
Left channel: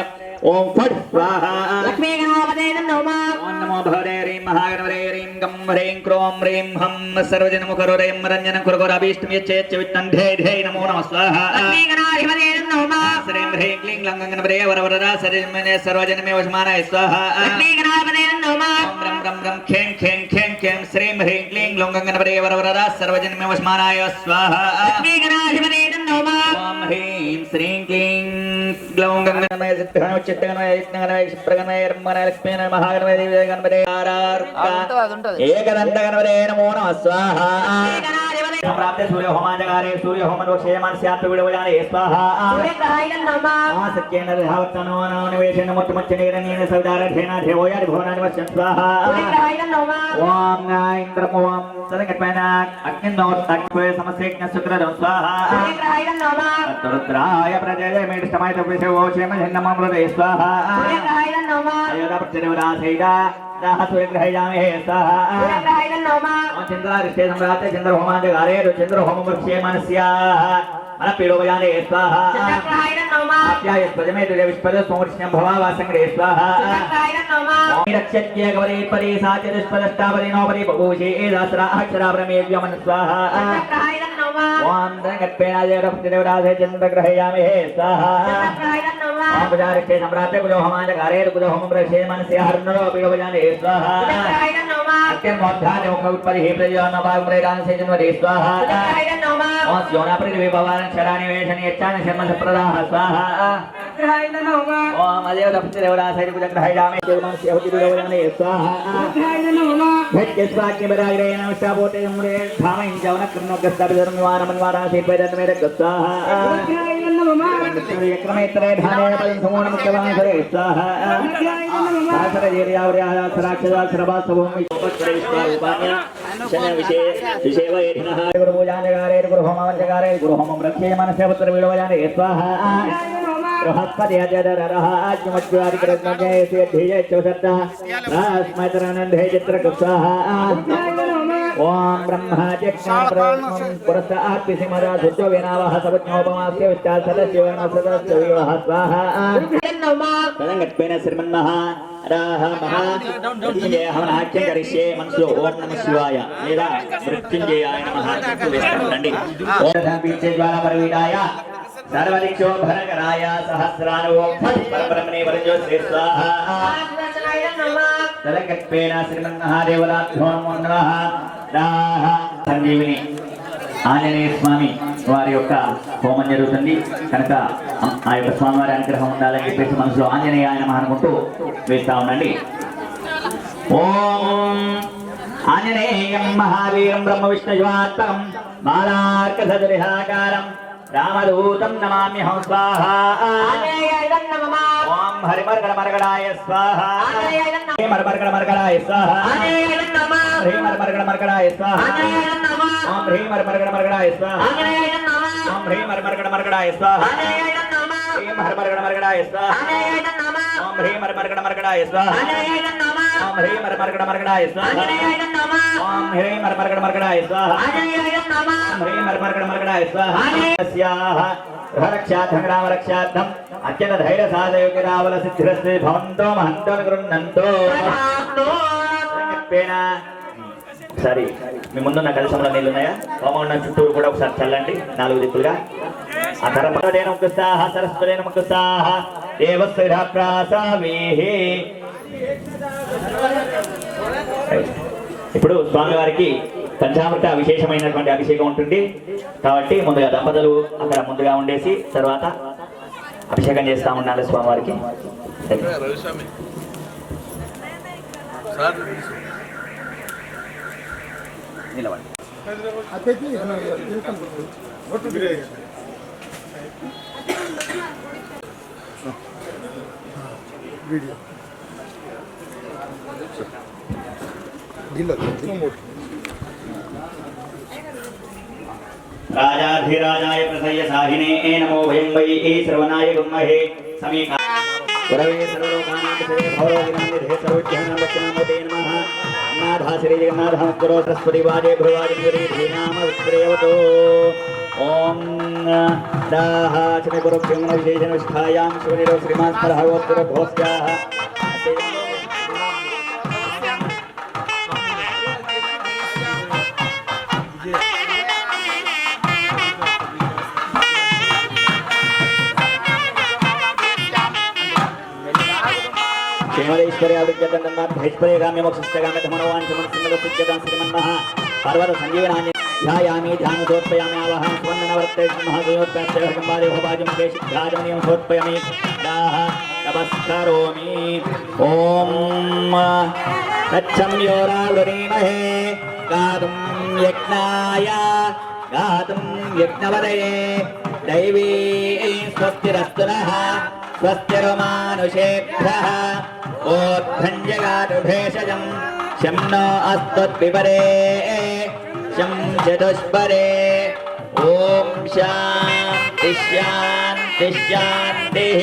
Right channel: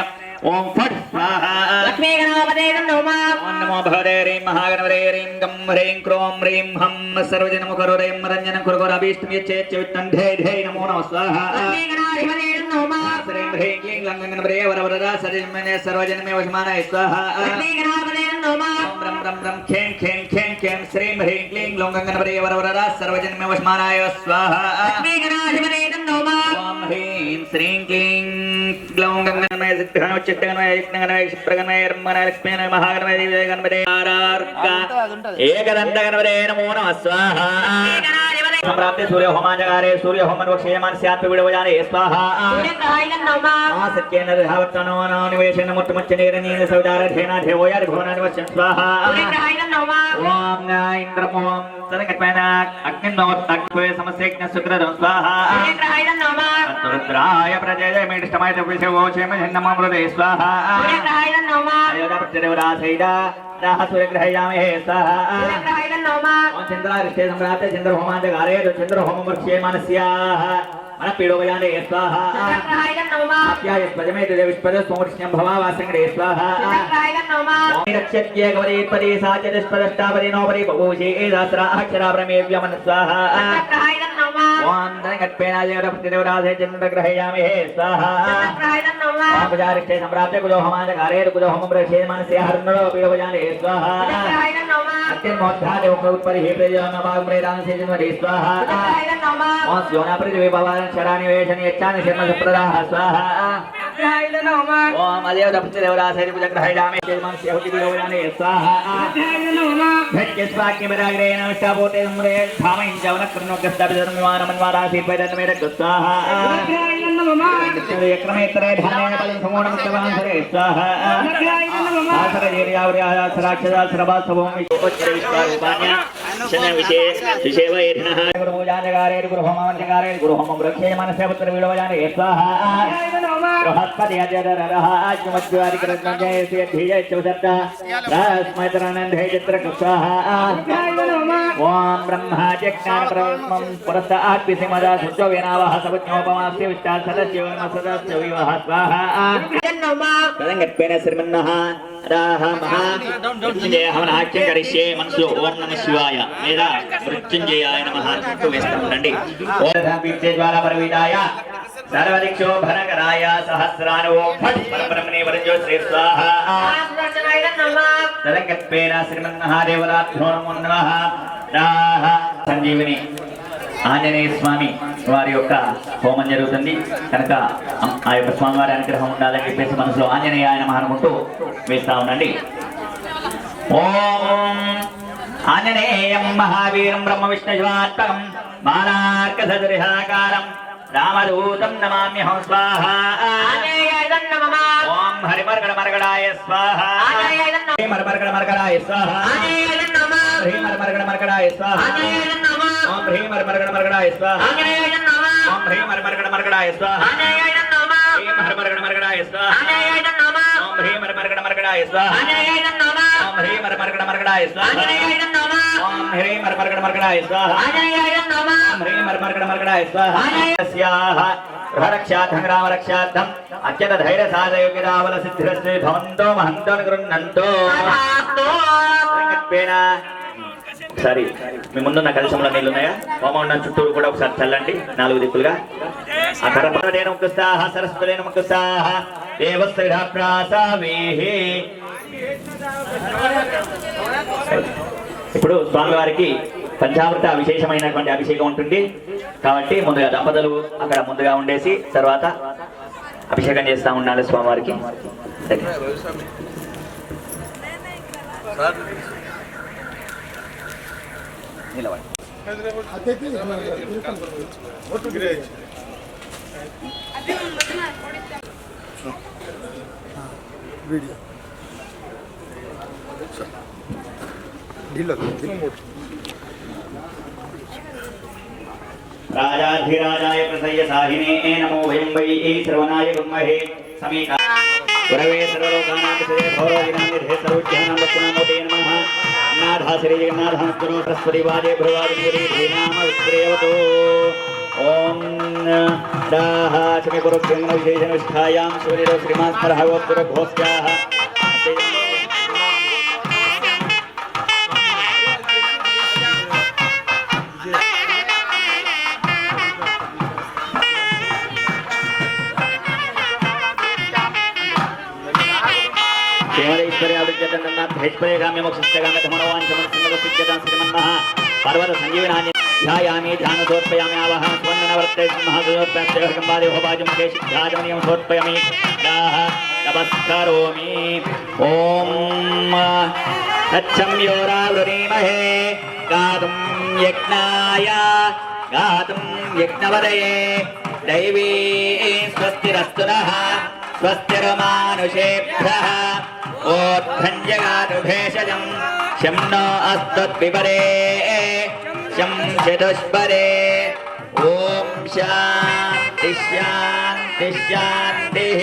ఓం ఫట్ స్వాహా. ఓం నమో భగవతే హ్రీం మహాగణపతే హ్రీం గం హ్రీం క్రోం హ్రీం హం సర్వజనముఖరుదయం రంజనం కురుకురభీష్టం యచ్చేచ్ఛ విత్తం ధే ధే నమో నమః స్వాహా. శ్రీం హ్రీం క్లీం గ్లం గణపతయే వరవరరా సర్వజన్మే సర్వజన్మే వశమానాయ స్వాహా. ఓం రం రం రం ఖేం ఖేం ఖేం ఖేం శ్రీం హ్రీం క్లీం గ్లం గణపతయే వరవరరా సర్వజన్మే వశమానాయ స్వాహా. ఓం హ్రీం శ్రీం క్లీం గ్లం గణపతయే సిద్ధగణపతయే చిత్తగణపతయే యజ్ఞగణపతయే క్షిప్రగణపతయే బ్రహ్మణపతయే లక్ష్మీగణపతయే మహాగణపతయే దేవగణపతయే ఏకదంత గణపతయే నమో నమః స్వాహా. సంప్రాప్తే సూర్య హోమాంజగారే సూర్య హోమరోక్షేమాన్ స్యాత్ విడవజానే స్వాహా. సత్యేన ధావత్తనో నివేశన ముత్తమచ్చనేరనీన సౌదారధేన దేవోయార్ భువనానివస్యం స్వాహా. ఓం ఇంద్రమోం సదకట్పైన అగ్నిన్నోత్తక్వే సమసేజ్ఞ సుకృతం స్వాహా. రుద్రాయ ప్రజయమిష్టమాయ విషవోచేమ జన్నమృతే స్వాహా. అయోధ్యదేవరాసైదా సూర్యగ్రహయామే స్వాహా. చంద్రారిష్టే సంప్రాప్తే చంద్రహోమాంజగారే చంద్రహోమవృక్షే మనస్యాః अनपीडोपजाने स्वाहा अप्याय स्वजमे देविष्पद सोमर्ष्यं भवावासंग्रे स्वाहा रक्षत्ये गवरे परे साचदष्पदष्टापरे नोपरे बभूषे एदासरा अक्षराब्रमेव्यमन स्वाहा ओम दंगत्पेनाय रप्तदेवराधे चन्द्रग्रहयामि हे स्वाहा ओम पुजारिष्ठे सम्राप्ते कुलो होमानकारे कुलो होमं प्रक्षे मनसे हरनरो पीडोपजाने स्वाहा अत्यन्मोद्धाने उत्परि हे प्रयोनभागम्रेदान से जन्मरे स्वाहा ओम स्योना पृथ्वी भवान शराणि वेशनि यच्चानि शर्म सुप्रदाः स्वाहा ओम अदेव रप्तदेवराधे कुलग्रहयामि हे मनसे होतिपीडोपजाने स्वाहा भट्टे स्वाक्य बरागिरे नमस्तापोते सम्रे धामं जवनः कृणो गस्ताभिधर्मवानमन्वाराधे पैदन्मेर गस्वाहा क्रमेत्र धानेन पलिं समुणं केवलं स्वाहा आसर येर्यावर्याः सराक्षदा सरभासभूमि उपचरिष्टारूपाण्य शने विशेषेवैधनः गुरुपूजानकारे गुरुहोमवंशकारे गुरुहोमं रक्षे मनसे पुत्रवीडवजाने स्वाहा बृहस्पति अजररः आज्ञमज्जादिकृतमजय सिद्धिय चौसप्तः रास्मचरणन्धे चित्रगुप्ताः ओम ब्रह्मा चक्षाप्रमं पुरस्तात् पिसिमदा सुजोगेनावः सबज्ञोपमास्य विष्टा सदस्यवनसदस्यविवः स्वाहा तदङ्गत्वेन श्रीमन्नः राह महा मृत्युंजय हवनाख्यं करिष्ये मनसो ओम नमः शिवाय वेदा मृत्युंजयाय नमः तु वेस्तं రండి ओम बीजज्वाला परवीडाय सर्वदिक्षोभनकराय सहस्रानो फट् परब्रह्मणे वरजो श्री स्वाहा तदङ्गत्वेन श्रीमन्महादेवराभ्यो नमो नमः राह సంజీవిని ఆంజనేయ స్వామి వారి యొక్క హోమం జరుగుతుంది కనుక ఆ యొక్క స్వామివారి అనుగ్రహం ఉండాలని చెప్పేసి మనసులో ఆంజనేయ ఆయన అనుకుంటూ వేస్తా ఉండండి ఓం ఆంజనేయం మహావీరం బ్రహ్మ విష్ణువాత్మకం మాలార్క సదృశాకారం రామదూతం నమామ్యహం స్వాహా ఓం హరిమర్గణమర్గణాయ స్వాహా హరిమర్గణమర్గణాయ స్వాహా హరిమర్గణమర్గణాయ స్వాహా ओम ह्रीं मर्गणमर्गणाय स्वाहा ओम ह्रीं मर्गणमर्गणाय स्वाहा ह्रीं मर्गणमर्गणाय स्वाहा ओम ह्रीं मर्गणमर्गणाय स्वाहा ओम ह्रीं मर्गणमर्गणाय स्वाहा ओम ह्रीं मर्गणमर्गणाय स्वाहा ओम ह्रीं मर्गणमर्गणाय स्वाहा अस्याः गृहरक्षार्थं रामरक्षार्थं अत्यंत धैर्य साधयोगिरावल सिद्धिरस्ते भवन्तो महन्तो गृह्णन्तो సరే మీ ముందున్న కలశంలో నీళ్ళు ఉన్నాయా హోమం ఉన్న చుట్టూరు కూడా ఒకసారి చల్లండి నాలుగు దిక్కులుగా ఆ కరపదేన ముక్తాహ సరస్వదేన ముక్తాహ దేవస్థిరాప్రాసావేహే ఇప్పుడు స్వామివారికి పంచామృత విశేషమైనటువంటి అభిషేకం ఉంటుంది కాబట్టి ముందుగా దంపతులు అక్కడ ముందుగా ఉండేసి తర్వాత అభిషేకం చేస్తూ ఉండాలి స్వామివారికి నిలబడి राजाधिराजाय प्रसय्य साहिने नमो वयं वै श्रवणाय गुम्महे समीका गुरवे सर्वलोकानां विषये भवरोगिनां सर्वोज्ञानां दक्षिणामूर्तये नमः नाथा श्री जगन्नाथः गुरो सरस्वती वादे भ्रुवादिमुरी धीनाम विश्रेवतो ओम दाः चमे गुरुभ्यो नमः विशेषण विष्ठायां सूर्यो श्रीमान् परहवोत्तर घोष्याः पर्वत संजीवनानि ध्यायामि ध्यानसोत्पयामि आवाहं स्वन्नवर्ते महादेवोत्पयामि भवाजं केशिध्याजमनियं सोत्पयामि दाः नमस्करोमि ॐ तच्छं योरावृणीमहे गातुं यज्ञवदये दैवी स्वस्तिरस्तु नः स्वस्तिर्मानुषेभ्यः ओत्थञ्जगातु भेषजं शं नो अस्तुद्विपरे शं चतुष्परे ॐ शान्ति शान्ति शान्तिः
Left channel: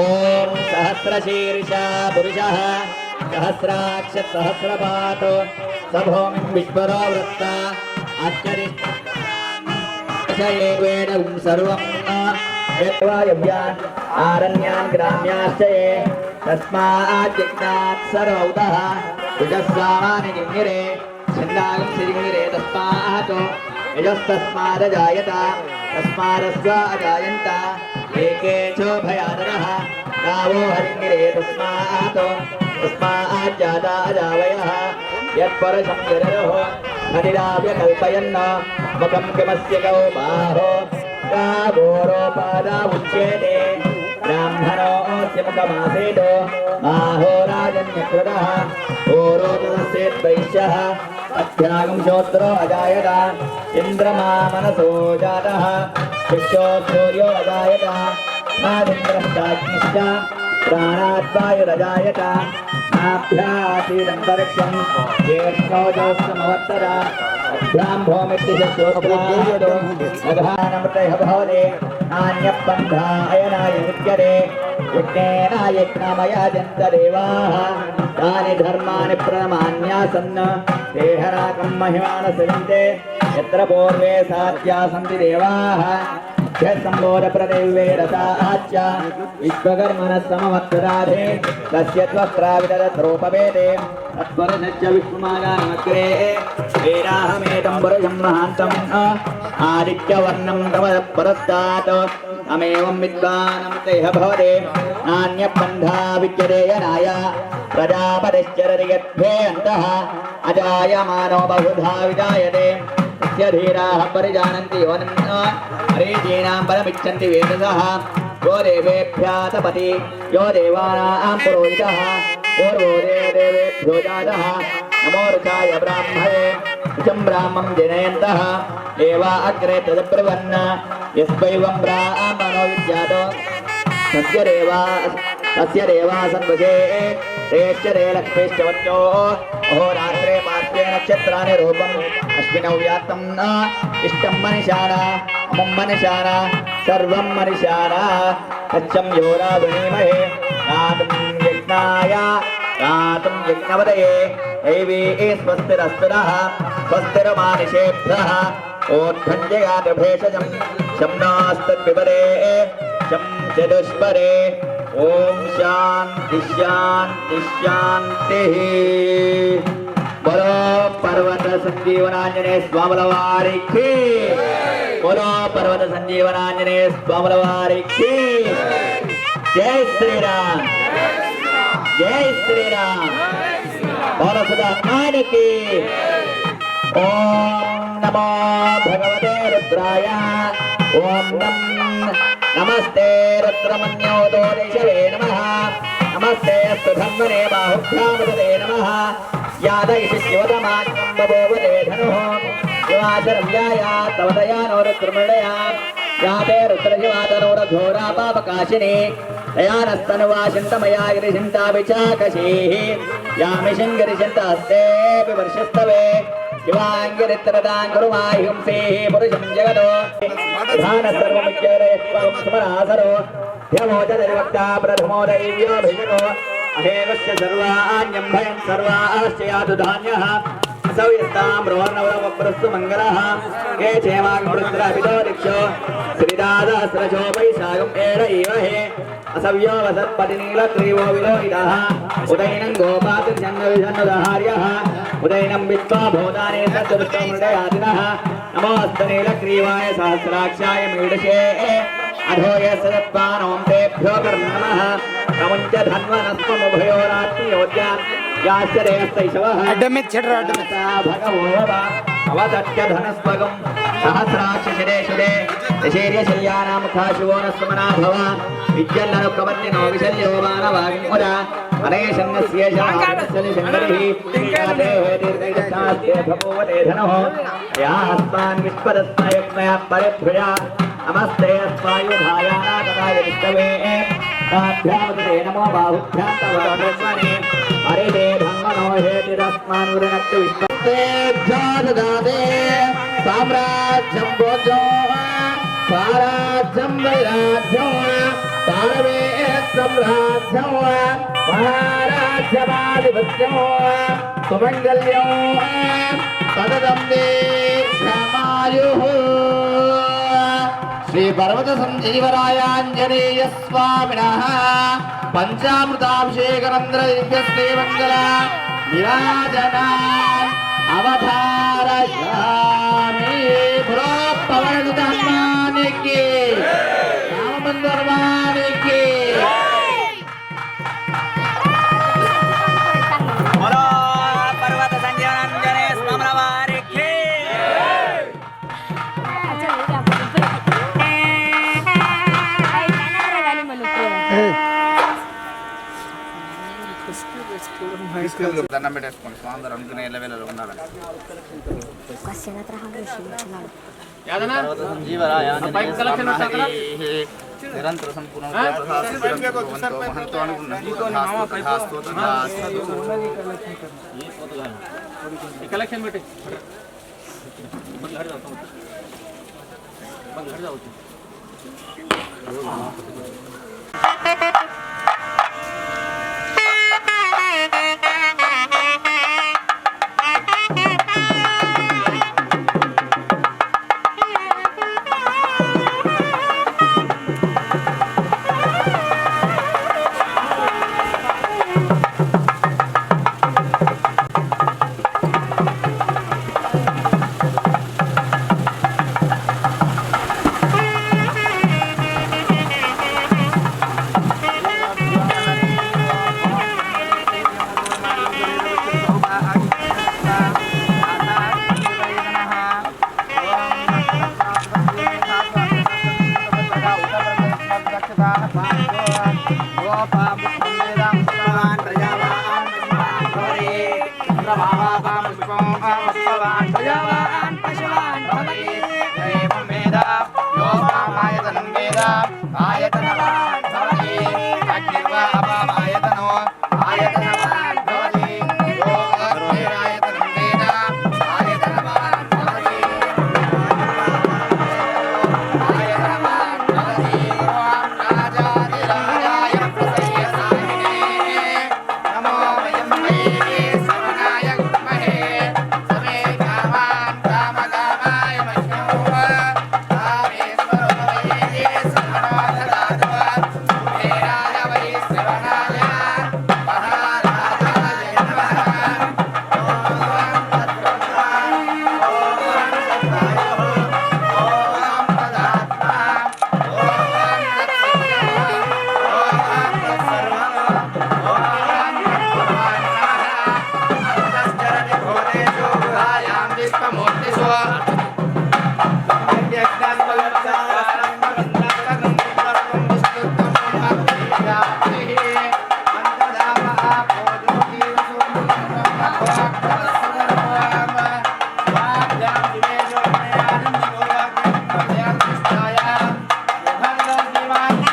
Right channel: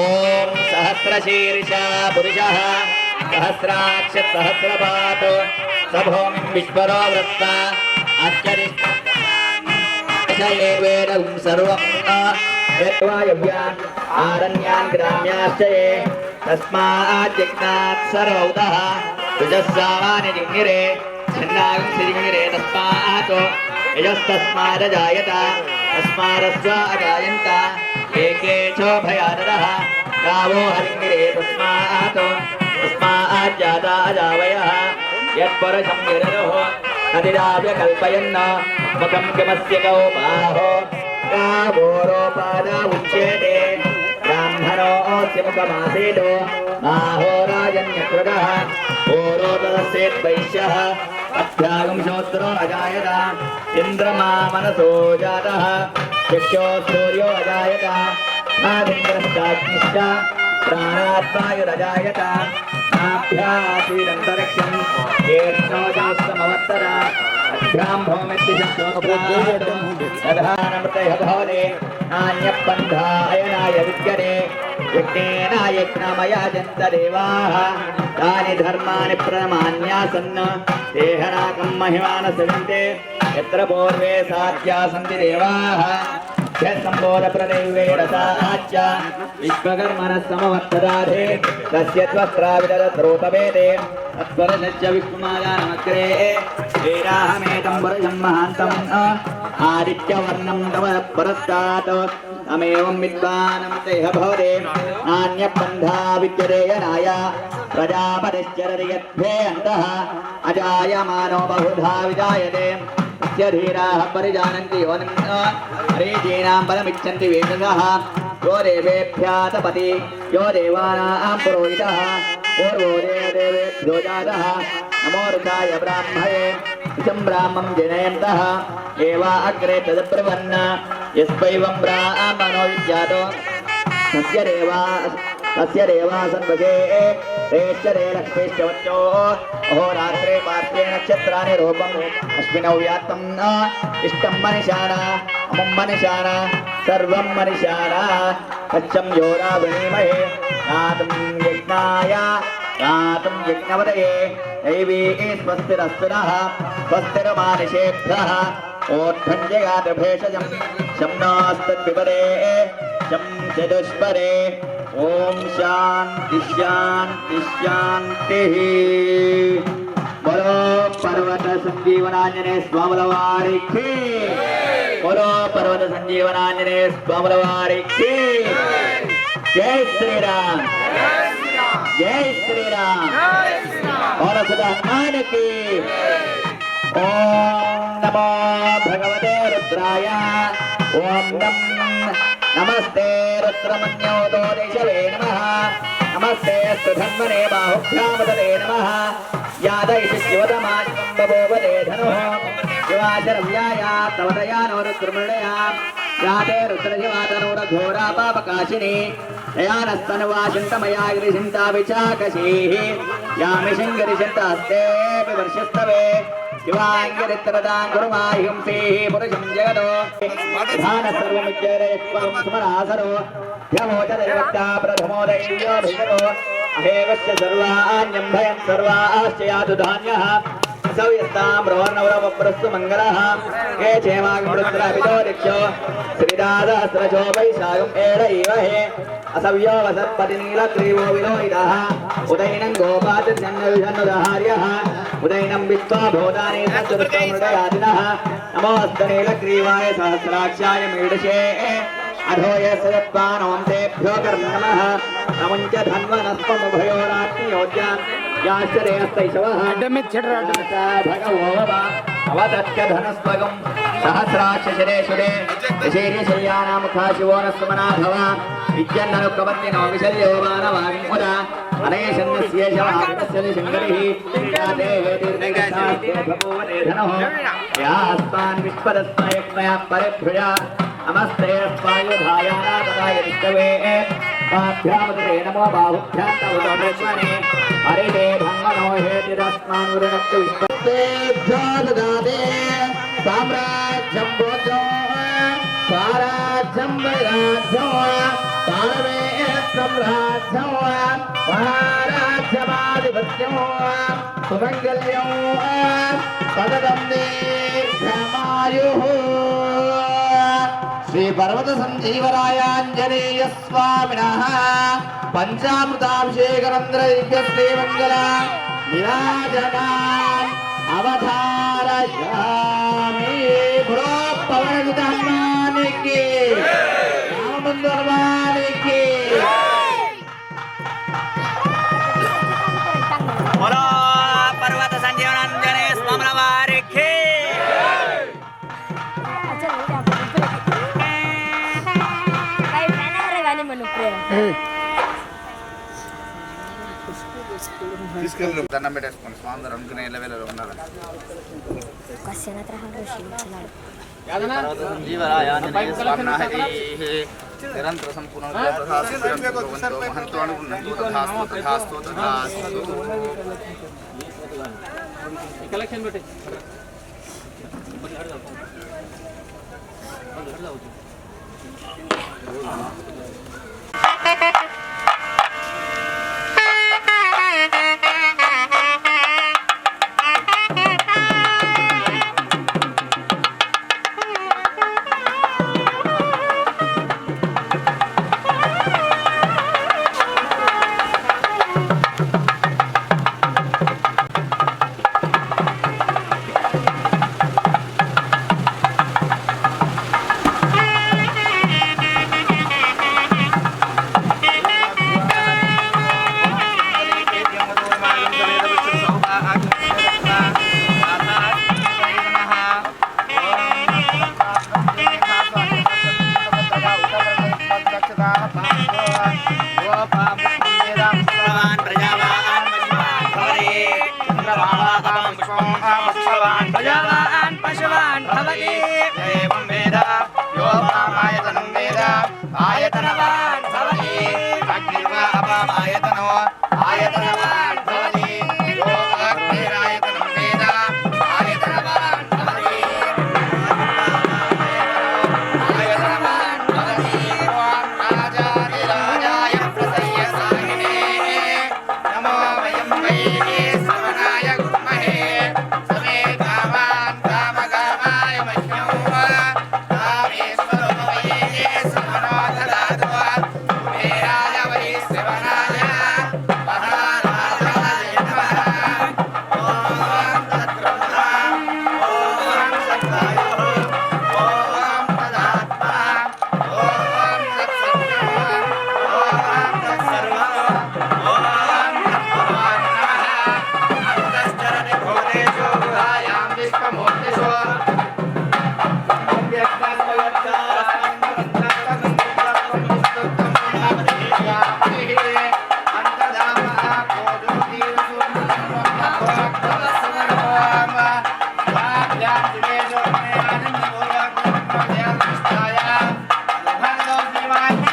ॐ सहस्रशीर्षा पुरुषः सहस्राक्ष सहस्रपात् स भूमिं विश्वरो वृत्ता शलेवेन सर्वं यत्वायव्यान् आरण्यान् ग्राम्याश्च ये तस्मात् जग्नात् सर्वौतः तुजस्सावानि जिङ्गिरे छन्दागं सिजिङ्गिरे तस्मात् यजस्तस्मादजायत तस्मादस्व अजायन्त एके च भयानरः गावो हरिङ्गिरे तस्मात् जाता अजावयः यत्परसंगिररोः नदिराव्य कल्पयन्न मुखं किमस्य गौ बाहो गावोरोपादा उच्यते ब्राह्मणोऽस्य मुखमासेतो बाहो राजन्यकृतः ओरोदस्येद्वैश्यः अभ्यागं श्रोत्रो अजायत इन्द्रमा मनसो जातः शिष्यो सूर्यो अजायत नादिन्द्रश्चाग्निश्च प्राणाद्वायुरजायत नाभ्यासीदन्तरिक्षं ज्येष्ठोजोत्समवत्तर अभ्यां भौमित्यशोत्रादधानमृतयः भवते नान्यपन्था अयनाय विद्यते यज्ञेन यज्ञमयाजन्त देवाः तानि धर्माणि प्रणमान्यासन् देहनाकं महिमानः सेवन्ते यत्र पूर्वे साध्या सन्ति देवाः संबोधप्रदेवेरसाच्च विश्वकर्मणः समवत्सदाधे तस्य त्वक्राविदधरोपवेदे तत्परश्च विष्णुमायानमग्रे वेदाहमेतं परशं महान्तम् आदित्यवर्णं तव परस्तात् अमेवं विद्वानं तेह भवते नान्यपन्था विद्यते यनाय प्रजापतिश्चरति यद्भे अन्तः अजायमानो बहुधा विजायते धीराः परिजानन्ति योनिं हरीजीनां बलमिच्छन्ति वेदसः यो देवेभ्यः तपति यो देवानां पुरोहितः पूर्वो देवेभ्यो जातः नमो ऋताय ब्राह्मणे इदं ब्राह्मं जनयन्तः एवा अग्रे तदब्रवन् यस्वैवं ब्राह्मणो विद्यातो तस्य देवा सन्वशे रेश्चरे लक्ष्मीश्च वच्चो अहोरात्रे पात्रे नक्षत्राणि रूपम् अस्मिन् व्यात्तं इष्टं मनिशाना अमुं मनिशाना सर्वं मनिशाना तच्चं योरा विनीमहे गातुं यज्ञाय गातुं यज्ञवदये दैवी स्वस्तिरस्तुनः स्वस्तिर्मानुषेभ्यः ओत्थं जगात भेषजं शम्नास्तद्विपदे शं चतुष्परे ओम शांति शांति शांति बोलो पर्वत संजीवनांजनेय स्वामी की बोलो पर्वत संजीवनांजनेय स्वामी की जय श्री राम जय श्री राम और सदा हनुमान की ओम नमो भगवते रुद्राय ओम नमस्ते रुद्रमन्योतो देशवे नमः नमस्ते अस्तु धन्वने बाहुभ्यामुदते नमः यादयिषि शिवतमाज्ञं बभूवते धनुः शिवाचरव्याया तव दयानो रुद्रमृळया याते रुद्रशिवातनोरघोरा पापकाशिनी दयानस्तनुवाशिन्तमया गिरिशिन्ता विचाकशीः यामि शिङ्गिरिशिन्तास्ते विवर्षस्तवे शिवाङ्गिरित्रदां कुरुमाहिंसेः पुरुषं जगतो धान सर्वमुच्चरयस्वं स्मरासरो ह्यमोचरिवक्ता प्रथमो दैव्यो भिषको अहेगस्य सर्वाण्यं भयं सर्वाश्च यातु धान्यः सव्यस्तां रोर्णवरवप्रस्तु मङ्गलः हे क्षेमाग्मृद्राभितो दिक्षो श्रीदासहस्रशो वैशाखम् एष इव हे असव्यो वसत्पतिनीलग्रीवो विलोहितः उदैनं गोपातिर्जन्मविषन्नुदहार्यः उदैनं विश्वा भूतानि सच्चतुष्टमृडयादिनः नमोऽस्तनीलग्रीवाय सहस्राक्षाय मीडशे अधो यस्यत्वानों तेभ्यो कर्मणः नमुञ्च धन्वनस्त्वमुभयोरात्मयोज्यान् याश्चर्यस्तैषवः भगवो अवदत्य धनस्पगं सहस्राक्षशिरेषुरे यशेर्यशल्यानामुखाशिवो न सुमना भव विद्यन्ननुकवर्तिनो विशल्यो मानवाग्मुदा अनेशन्नस्येषमहाविनस्य निशङ्करिः यातेः दीर्घैकशास्त्रे भगवते धनः यास्मान् विस्पदस्मयक्मया परिभृया नमस्ते स्वायुधायाना तथा यदिष्टवे ताभ्यामुदते नमो बाहुभ्यां तव धन्वने हरिते धन्वनो हेतिरस्मान् वृणक्तु विश्वतेभ्यो ददाते साम्राज्यं भोजो स्वाराज्यं वैराज्यं पारवे सम्राज्यं महाराज्यमाधिपत्यं सुमङ्गल्यं पददं दीर्घमायुः శ్రీ పర్వత సంజీవరాయాంజనేయ స్వామినః పంచామృతాభిషేకనందర దివ్యశ్రీమంగళ విరాజనా అవధారయామి. పురో పవనసుత హనుమానికి రామబంధు హనుమానికి बोलो पर्वत संजीवनांजने स्वामी वारिके దండం పెట్టేసుకోండి స్వామి అనుకునే లెవెల్లో ఉన్నారు. పర్వత సంజీవరాయ ఆంజనేయ స్వామినః నిరంతర సంపూర్ణ మహంతో అనుకున్నట్టు తథాస్తు తథాస్తు తథాస్తు. కలెక్షన్ పెట్టి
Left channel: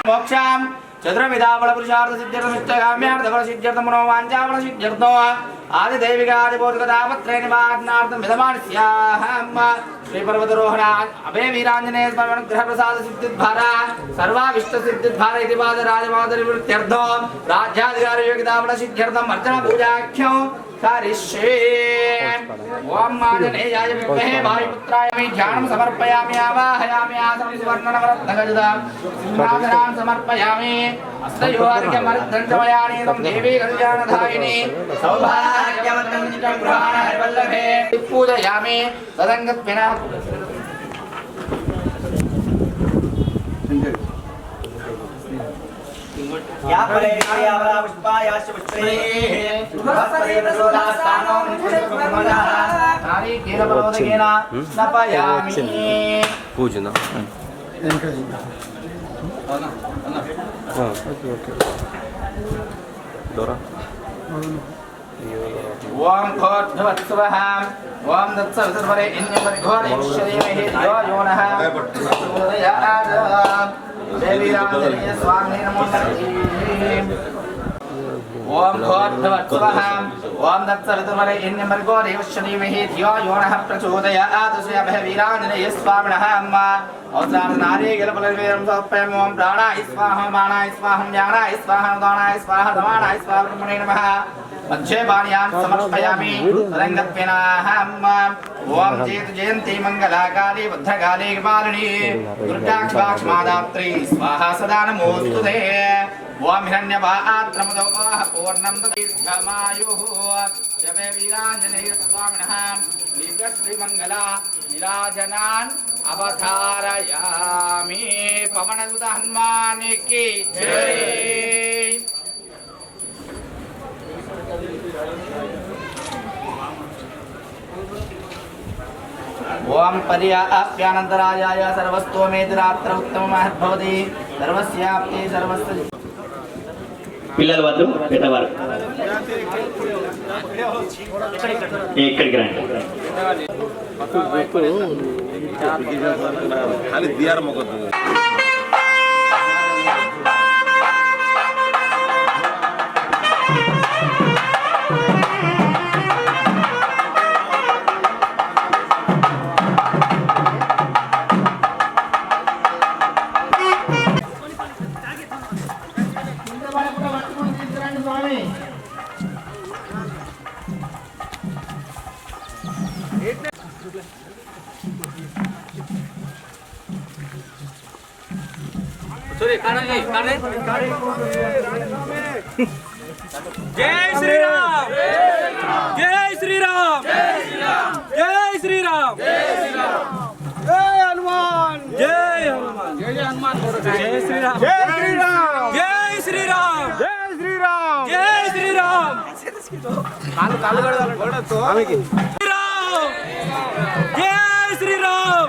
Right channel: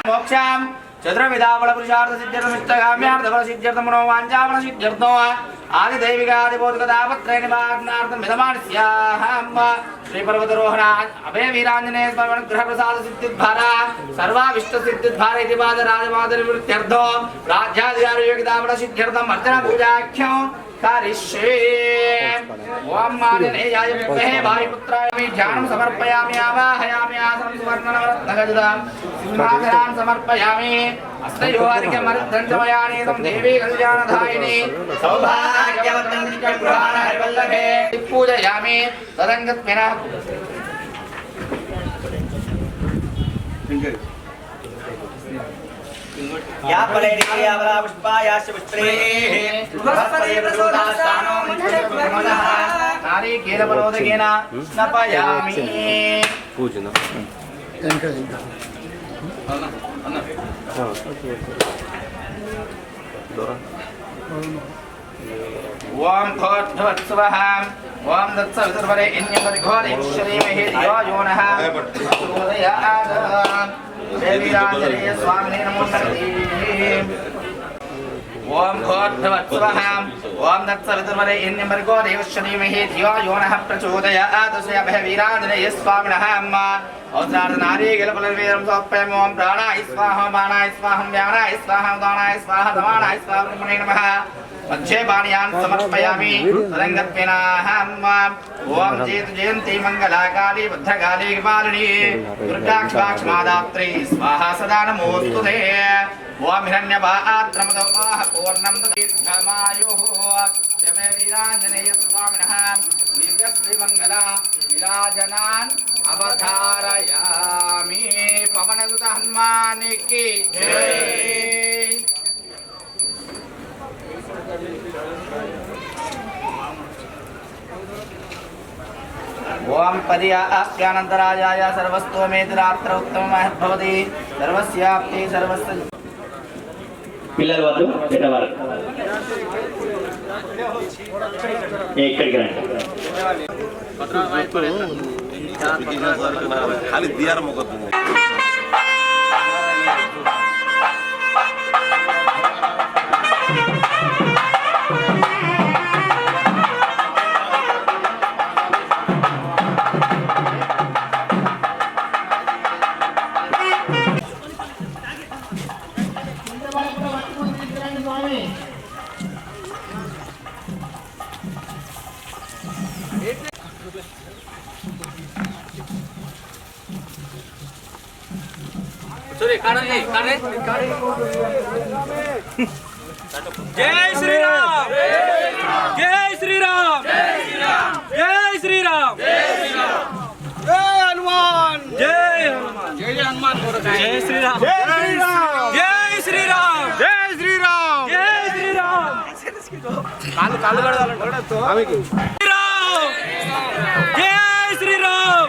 मोक्षाम चतुर्विधावल पुरुषार्थ सिद्ध्यर्थमिष्टकाम्यार्थ फल सिद्ध्यर्थम मनोवांछाफल सिद्ध्यर्थो आदि दैविक आदि भौतिकतापत्रे निवारणार्थं विधमानस्याहम् श्री पर्वतारोहण अभय वीरांजनेय स्मरण ग्रह प्रसाद सिद्धिद्वारा सर्वाविष्ट सिद्धिद्वारा इति पाद राजमादरि वृत्त्यर्थो राज्याधिकार योग्यताफल सिद्ध्यर्थम अर्चना पूजाख्यो करिष्ये। ओम आंजनेयाय विद्महे वायुपुत्राय ध्यानं समर्पयामि आवाहयामि आसनं सुवर्णनवरत्नगजदां सिंहासनां समर्पयामि अस्तयोर्घ्यमर्धन्तमयानि तं देवी कल्याणधायिनी सौभाग्यवर्धन्ति गृहाण हरिवल्लभे पूजयामि तदङ्गत्विना या फलेरिया वरा पुष्पायाश्च पुष्पैः बृहस्पति प्रसूदास्तानो मुञ्चनः नारिकेल फलोदकेन स्नपयामि पूजना ओम भोर्भुवत्सवः ओम दत्सवितर्वरे इन्यपरिघोरेश्वरीमहे धियो यो नः प्रचोदयात् देवीराञ्जनेय स्वामिने नमो नमः। ओम भोर्भुवत्सवः ओम दत्सवितर्वरे इन्यपरिघोरेश्वरीमहे धियो यो नः प्रचोदयात् श्रीवीराञ्जनेय स्वामिनः औदारनारीगलफलवेदं समर्पयामि। ओम प्राणाय स्वाहा मानाय स्वाहा व्यानाय स्वाहा उदानाय स्वाहा समानाय स्वाहा ब्रह्मणे नमः। मध्ये पाणियां समर्पयामि तदङ्गत्वेनाहम् ओम जयन्ती मङ्गलाकाली भद्रकाली कृपालिनी दुर्गाक्षमादात्री स्वाहा सदा नमोस्तुते ओम हिरण्यपात्रमदो पूर्णं दीर्घमायुः जमे वीराञ्जनेय स्वामिनः दिव्यश्रीमङ्गला विराजनान् अवधारयामि पवनसुत हनुमान की जय। ओम पर्याप्यानन्तरायाय सर्वस्तोमेतिरात्र उत्तममहद्भवति सर्वस्याप्ति सर्वस्य పిల్లలు వద్దు పెద్దవారు ఎక్కడికి రండి खाली दियार मोकद्दू जय श्री राम जय श्री राम जय श्री राम जय हनुमान जय हनुमान जय हनुमान जय श्री राम जय श्री राम जय श्री राम जय श्री राम जय श्री राम कालू कालू आम्ही की राम जय श्री राम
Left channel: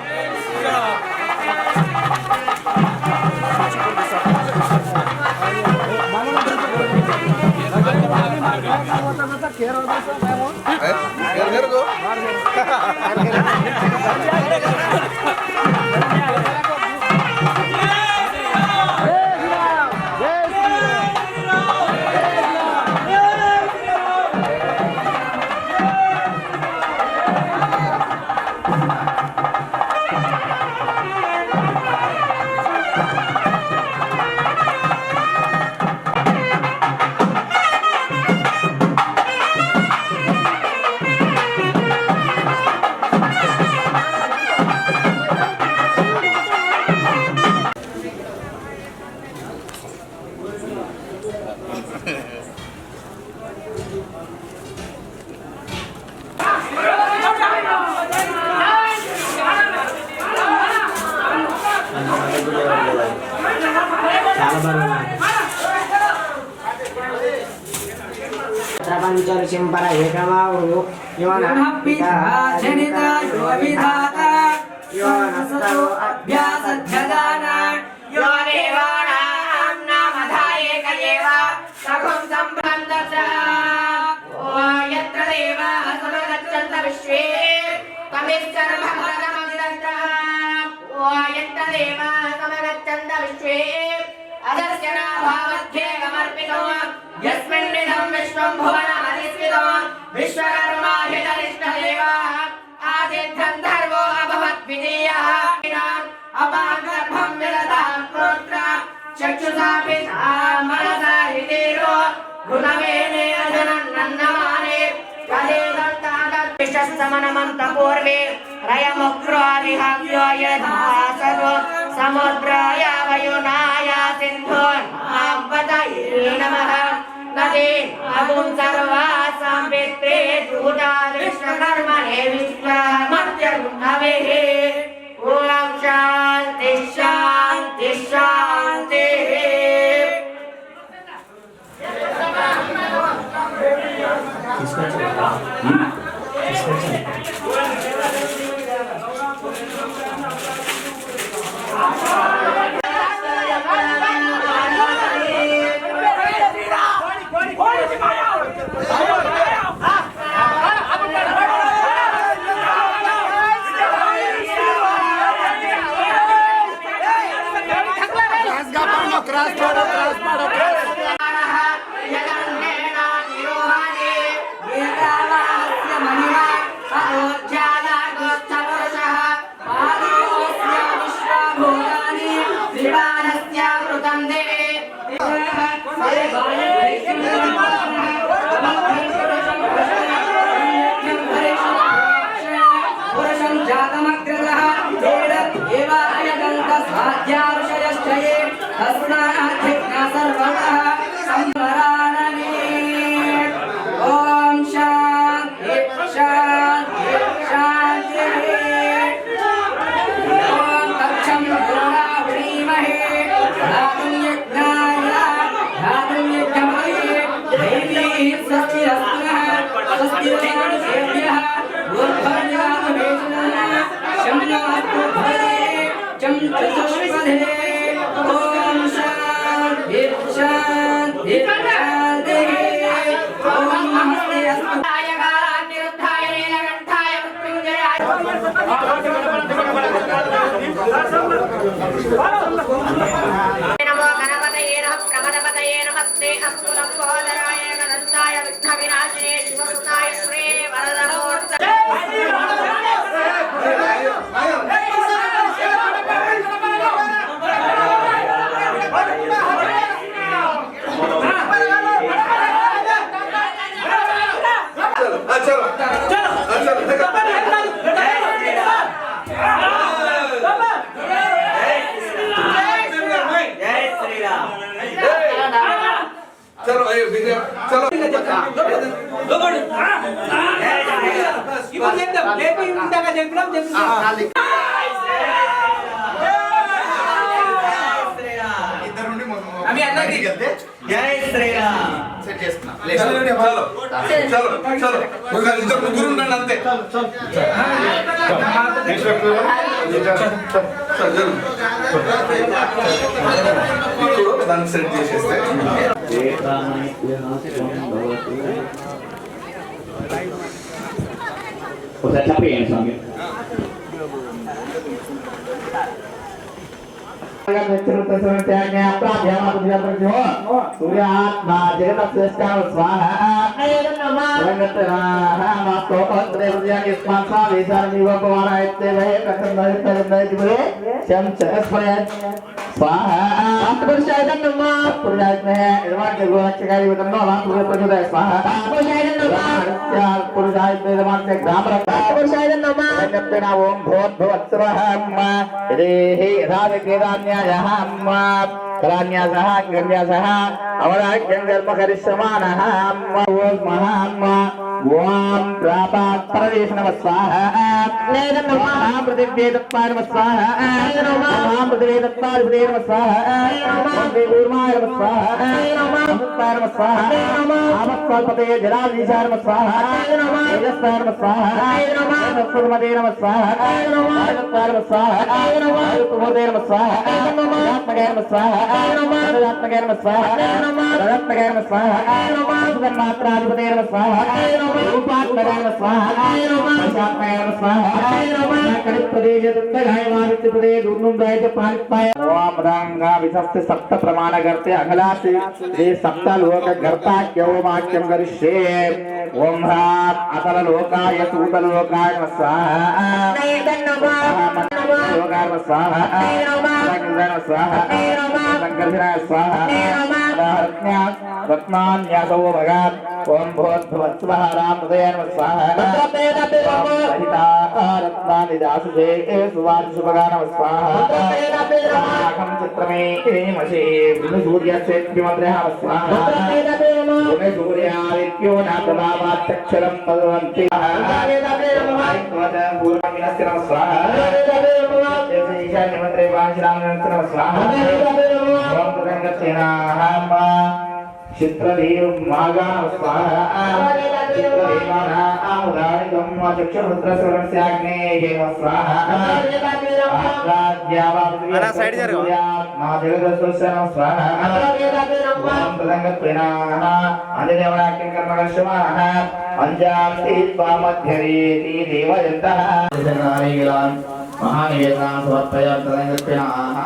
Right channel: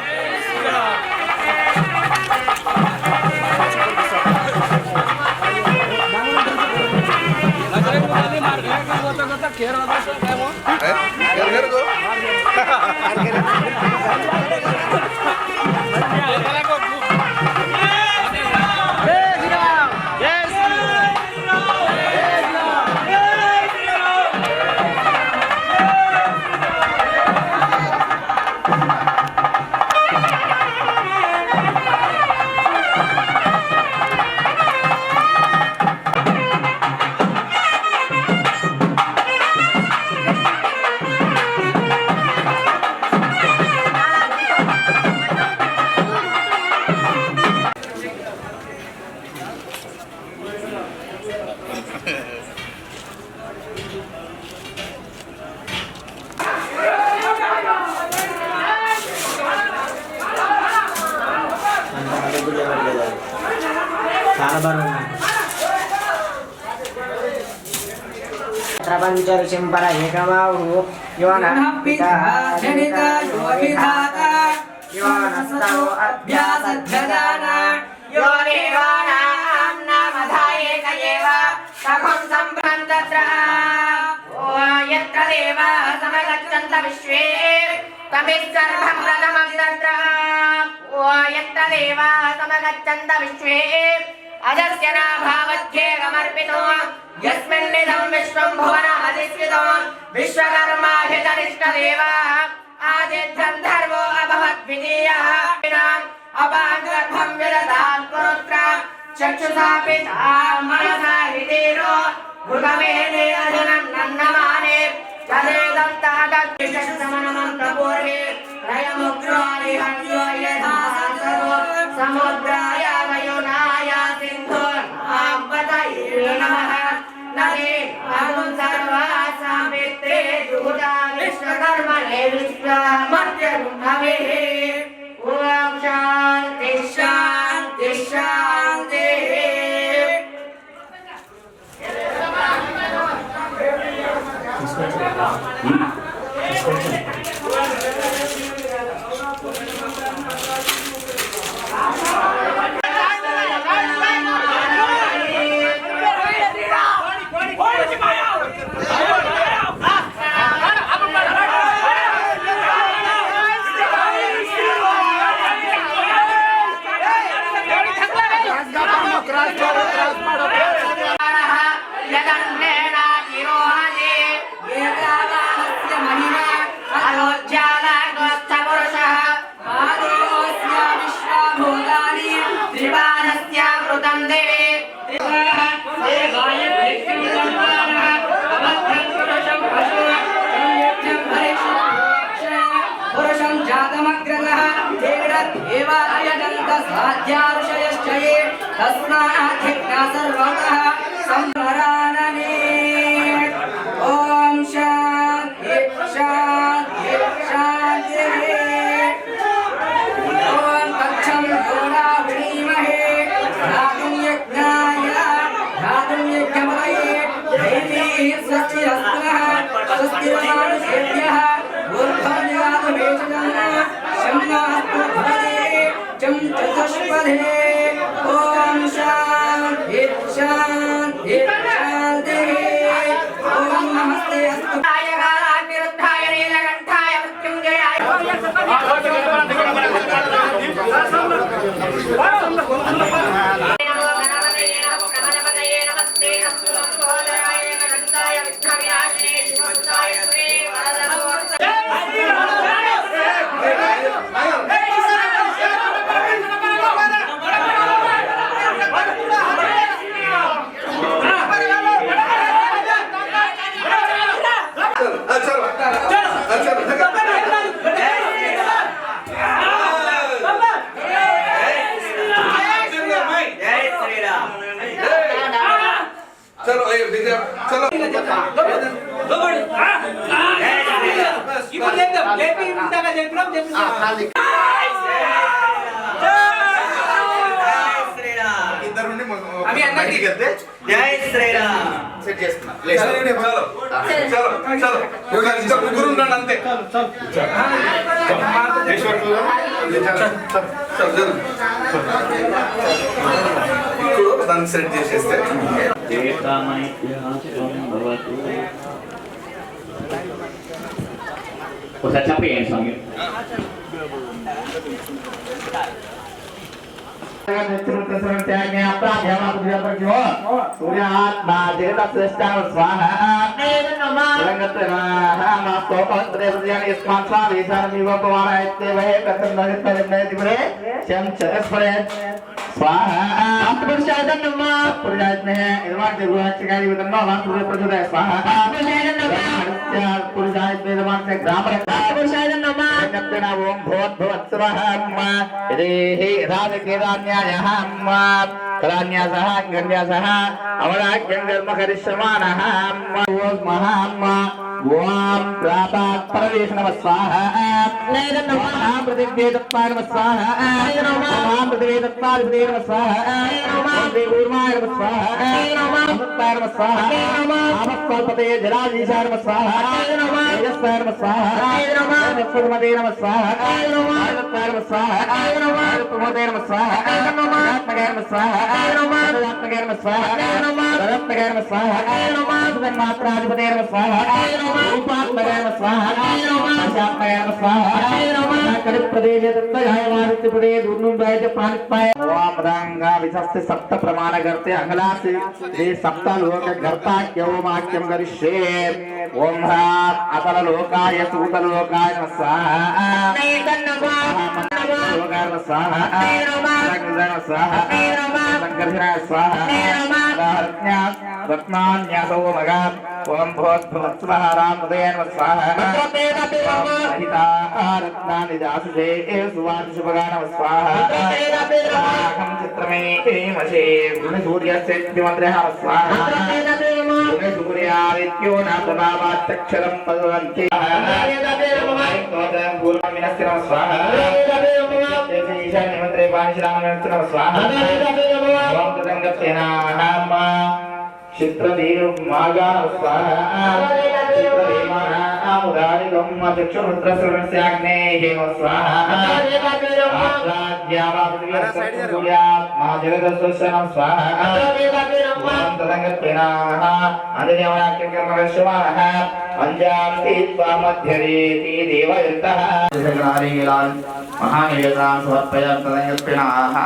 प्रपंच ऋषिंपर एकमावु यो नः पिता जनिता यो विधाता यो नस्तौ अभ्यासध्यदाना यो देवानां नामधायेक एव सखं सम्बन्धत्र ओ यत्र देवाः समगच्छन्त विश्वे तमिश्चर्वं तदमग्रत्र ओ यत्र देवाः समगच्छन्त विश्वे अदस्य नाभावध्येकमर्पितो यस्मिन्निदं विश्वं भुवनमधिष्ठितो विश्वकर्मा हि तनिष्ठदेवः आदिध्यं धर्मो अभवद्वितीयः अपागर्भं विदधां पुत्र चक्षुषा पिता मनसा हृदीरो भूतवेदे अजनं नन्नमाने तदेदं तादद्विशसमनमन्तपूर्वे त्रयमुग्रादिहव्यो यथा सरो समुद्राय वयुनाय सिन्धोर्नापतये नमः नदे अदुं सर्वासां पित्रे दूता विश्वकर्मणे विश्वमर्त्यगुणवेः ॐ शान्ति शान्ति शान्तिः। देवायजन्त स्वाध्याऋषयश्च ये तस्माद्धिज्ञा सर्वतः संवरानने ॐ शान्ति शान्ति शान्तिः ॐ तच्छं योरावृणीमहे धातुं यज्ञाय धातुं यज्ञमये दैवीः स्वस्तिरस्तुनः स्वस्तिर्मानुषेभ्यः ऊर्ध्वनिगातुमेषणः शम्नास्तु भवते चं चतुष्पदे ॐ शान्ति शान्ति शान्तिः ॐ नमस्ते अस्तु कालाग्निरुद्धाय नीलकण्ठाय मृत्युञ्जयाय नमो गणपतये नमः प्रमदपतये नमस्ते अस्तु लम्बोदराय गणपताय विघ्नविनाशिने शिवसुताय श्री वरदहमूर्तये चलो चलो ఇప్పుడు చెప్తాం లేపి ఇందాక చెప్పినాం ఇద్దరు అవి అందరికీ జై శ్రీరామ్ సెట్ చేసుకున్నా చలో చలో చలో ఇద్దరు ముగ్గురు ఉండండి అంతే ఇప్పుడు దాన్ని సెట్ చేసేస్తే ఒకసారి చెప్పేయండి స్వామి ओम प्रापात परदेश नमः स्वाहा नैरं नमः प्रतिदेव तत्पार नमः स्वाहा नमः प्रतिदेव तत्पार प्रतिदेव नमः स्वाहा नमः देवूर्माय नमः स्वाहा नमः तत्पार नमः स्वाहा नमः आपत्कल्पते जलाधीशाय नमः स्वाहा नमः तेजस्पाय नमः स्वाहा नमः सत्सुमते नमः स्वाहा नमः तत्पार नमः स्वाहा नमः प्रमोदे नमः स्वाहा नमः आत्मगे नमः स्वाहा नमः आत्मगे नमः स्वाहा नमः रत्नगे नमः स्वाहा नमः सुगन्मात्राधिपते नमः स्वाहा रूपात्मगे नमः स्वाहा दशात्मगे नमः स्वाहा कलिप्रदेश दत्तगाय वारित्यप्रदे दूर्नुंदाय च पानिपाय ओम रंगा विशस्ते सप्त प्रमाण करते अगलासे ये सप्त लोक कर्ता क्यों वाक्यं करिष्ये ओम ह्राम अतल लोकाय सूतल लोकाय नमः स्वाहा नैदं नमः लोकाय नमः स्वाहा नमः स्वाहा संकर्षणाय स्वाहा रत्न्या रत्नान्यासो भगात् ओम भूर्भुवस्सुवः रामहृदये नमः स्वाहा सहिता रत्नानि दासुषे सुवांशुभगा नमः स्वाहा अहं चित्रमे मशे सूर्यस्य द्विमत्रः स्वाहा सूर्यादित्यो न प्रभावाच्चक्षरं तद्वन्ति पूर्वमिनस्य नमः स्वाहा ईशान्यमन्त्रे वाणिश्रामयस्य नमः स्वाहा ओम तदङ्गत्यनाहम् चित्रदेव मार्गा स्वाहा चित्रदेवाना आमुदारिकं चक्षुरुद्रसुरस्याग्ने हेम स्वाहा आद्यावाद्या मा जगदस्वस्य नमः स्वाहा ओम तदङ्गत्वेनाः अन्यदेवनाख्यं कर्मकर्षमाणः पंजाब्ति त्वामध्यरेति देवयन्तः महानिवेदां समर्पयामि तदङ्गत्वेनाः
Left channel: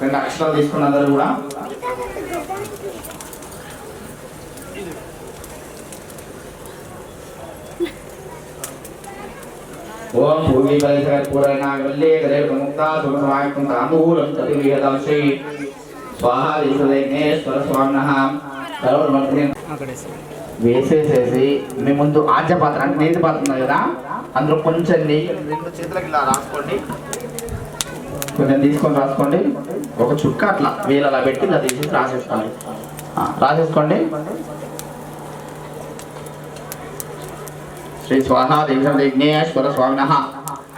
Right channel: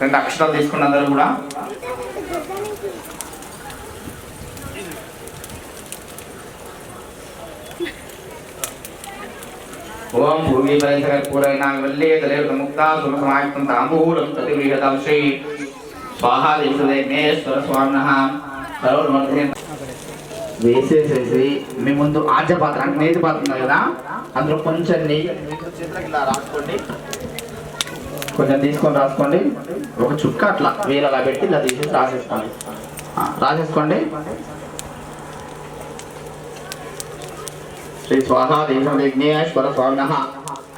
రెండు అక్షరాలు తీసుకున్న అందరూ కూడా ओम भूमि परिसर पूरणावल्ले तले प्रमुक्ता सुमसमायुक्तं तांबूलं प्रतिगृहतं श्री स्वाहा देवदेवनेश्वर स्वामिनः सर्वमंत्रिण వేసేసేసి మీ ముందు ఆజ్య పాత్ర అంటే నేతి పాత్ర ఉంది కదా, అందులో కొంచెం నెయ్యి చేతులకు ఇలా రాసుకోండి, కొంచెం తీసుకొని రాసుకోండి. ఒక చుక్క అట్లా వేలు అలా పెట్టి ఇలా తీసేసి రాసేసుకోండి. రాసేసుకోండి. శ్రీ స్వాహా దేశం విఘ్నేశ్వర స్వామి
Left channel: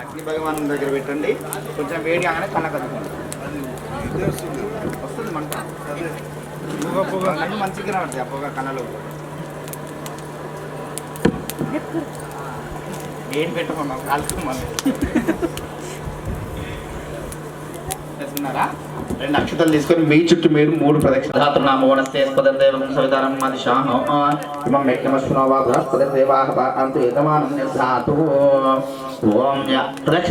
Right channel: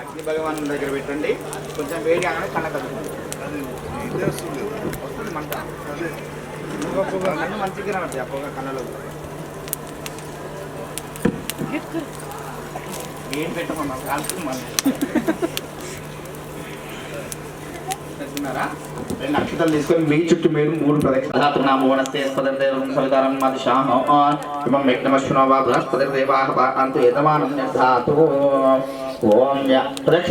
అగ్ని భగవాన్ దగ్గర పెట్టండి. కొంచెం వేడి కాగానే కన్న కదుకోండి. వస్తుంది మంట, కన్ను మంచిగా ఉంటుంది ఆ పొగ కన్నలో. ఏం పెట్టమన్నా కాల్చుకోమని రెండు అక్షతలు తీసుకొని మీ చుట్టూ మీరు 3 ప్రదక్షిణ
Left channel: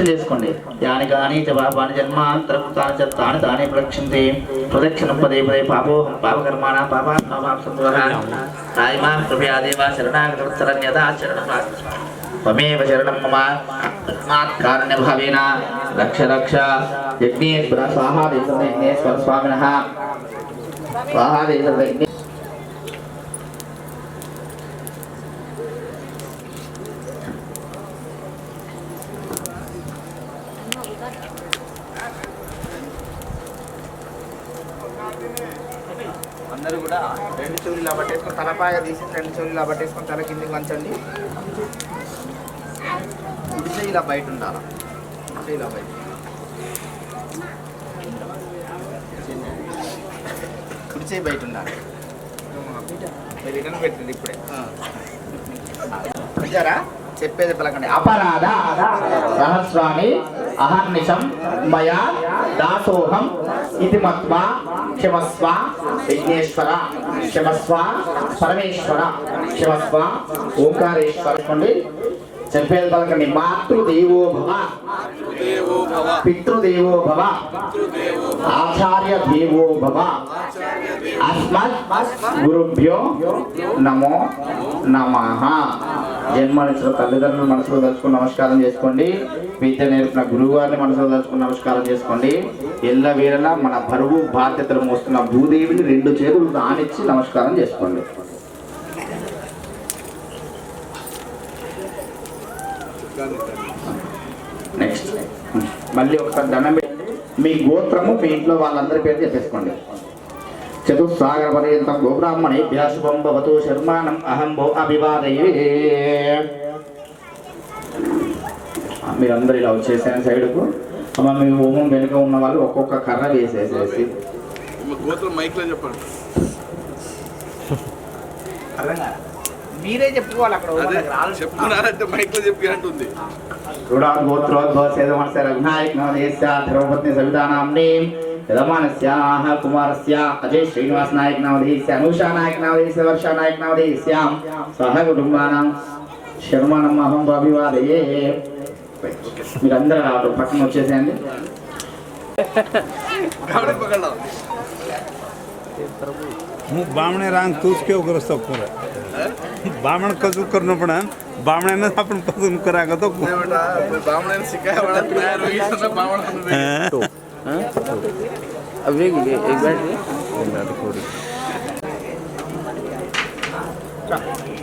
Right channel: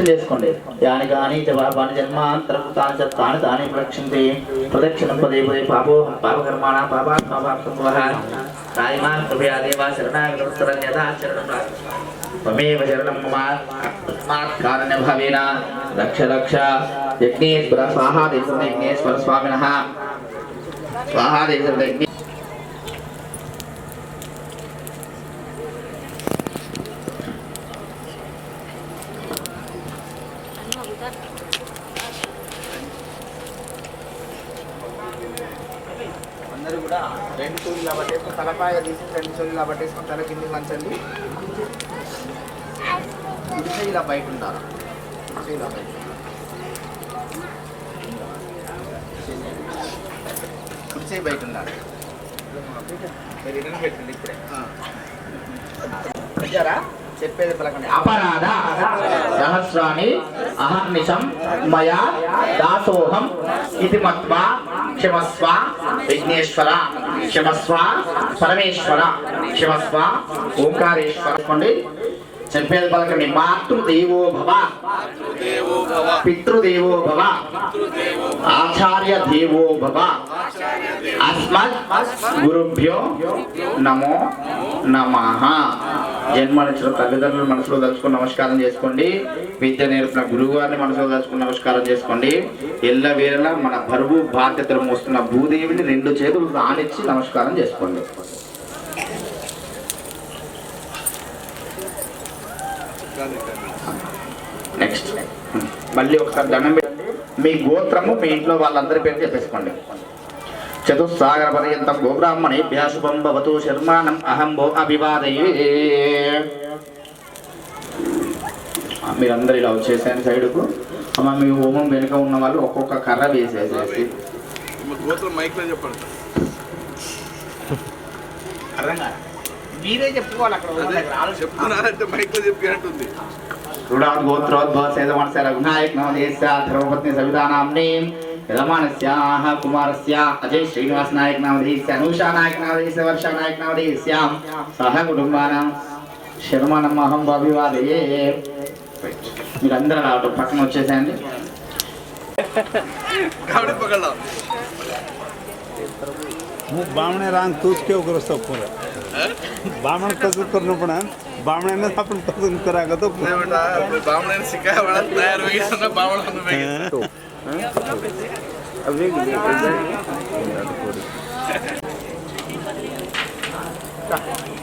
చేసుకోండి. యాని కానీ జవాబాని జన్మాంతరకృతాని చత్తాని తాని ప్రదక్షిణతే ప్రదక్షిణం పదే పదే పాపోహం పాపకర్మాణ పాపాత్మభావం కృపయాదేవ శరణాగతరణ్యదా శరణం త్వమేవ శరణం మమ తస్మాత్ భావేన రక్ష రక్ష. యజ్ఞేశ్వర స్వాహా దేశం యజ్ఞేశ్వర స్వామినః స్వాహా దేశం యజ్ఞ. అందరూ కూడా 2 చూళ్ళు పట్టేసుకొని తలపాయ తీసుకుని 2 చూళ్ళు పట్టేసుకొని తల కిందకి వంచండి. ఇలా బయట ఉంటారా, ఇలా బయట కుడిచే బయట ఉండాలి. రిటర్న్ పెట్టండి ఇప్పుడే. చెప్పేది పలకండి. అపరాధ సహస్రాన్ని అహర్నిశం మయా దాసోహం ఇది మత్వా క్షమస్వ విఘ్నేశ్వర, క్షమస్వ పరమేశ్వర, క్షమస్వ ఓంకారేశ్వర. చెప్పేది పలకండి. మాతృదేవో భవ, పితృదేవో భవ, ఆచార్య దేవో భవ, అస్మత్ గురుభ్యో నమో నమః. జన్మనిచ్చిన తల్లిదండ్రులు మనసులో తలుచుకుని నమస్కారం చేసుకోండి. విద్య నేర్పిన గురువు గారిని మనసులో తలుచుకుని నమస్కారం చేసుకోండి. ఎల్లవేళలా మన బరువు బాధ్యతలు మోస్తున్న భూదేవిని 2 చేతులు దానిచ్చి నమస్కారం చేసుకోండి. నెక్స్ట్ మళ్ళీ ఒకసారి దండం పెట్టండి. మీ గోత్రము మీ ఇంట్లో వాళ్ళందరి పేరు చెప్పేసుకోండి. చతుస్సాగర పర్యంతం గోబ్రాహ్మణేభ్య శుభం భవతు శర్మాణం అహం భో అభివాదయే. మీరందరూ ఇలా వచ్చేసాను సైడ్కు. అమ్మ మీ హోమం వెనుక ఉన్న వాళ్ళు ఒక్కొక్క కర్ర వేసేసేసి మీరే చెప్పుకోవాలి. అక్కడ చెప్పుకున్నారంటే మైక్లో చెప్పినట్టుంది. కుమారస్య అజయ్ శ్రీనివాస్ నాయక్ నవదేశ్య అనూషా నాయక్ నవదేశ్య వర్షా నాయక్ నవదేశ్యాం సహ కుటుంబానం శర్మణం అహం అభివాదయే. మీరందరూ పక్కన వచ్చేసేయండి. बामणे रांग तूच के उग्र पूरा बामण कसं करणं पण बामण्यानं आपण कसं करायचं तो बामण्याने शिकाय मला तयार होईल बामण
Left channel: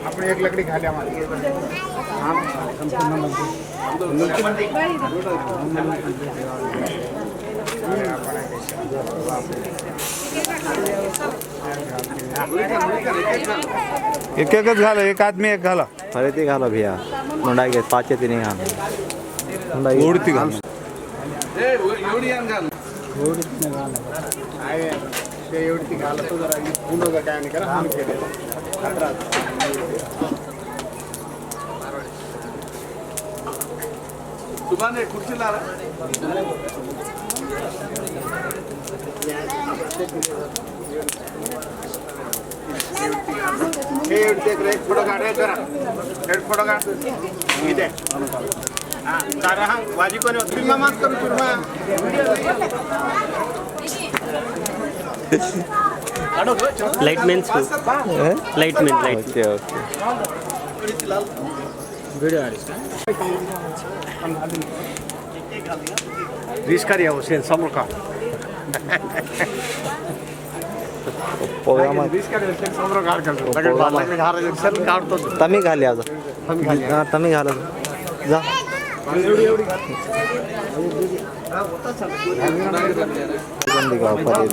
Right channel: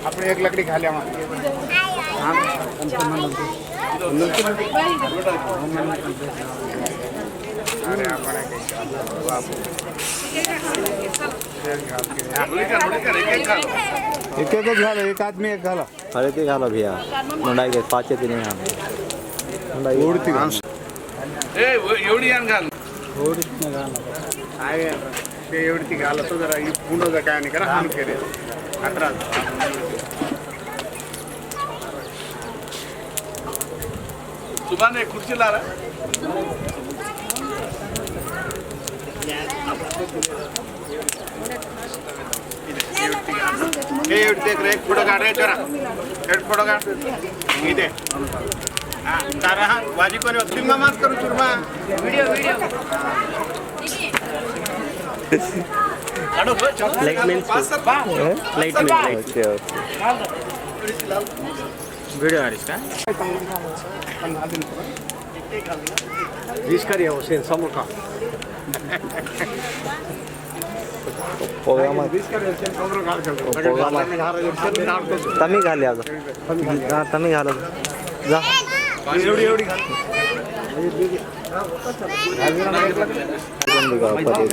આપણે એક લકડી ખાલી આમાં एक एकच झालं. एक आदमी एक घाला. अरे ते घाला भैया मुंडा घे 5 ते नाही घाल ओढती घाल. एवढी घाल आहे ते एवढी घालत जरा पुन्हा काय नाही करा हम केले अकरा तुम्हाला खुर्ची लारा फोटो काढ रे जरा फोटो काढ इथे हा तारा हा वाजी कोणी फिल्मा मात करू चुरमा light means light means okay okay video आडिस का रिस्क करिया वो सेन समोर का पोगा तमी घाली आज तमी घाल जा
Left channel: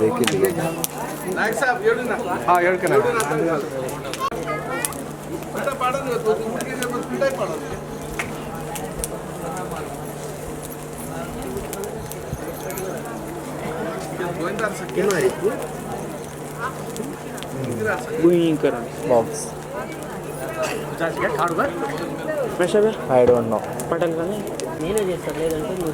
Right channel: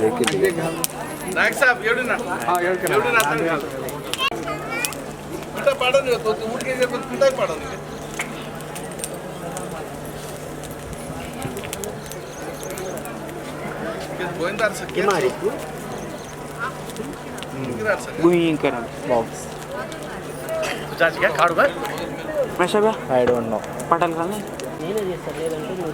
देखील बॉक्स I don't know. నేనే చేస్తాను లేదంటే నువ్వు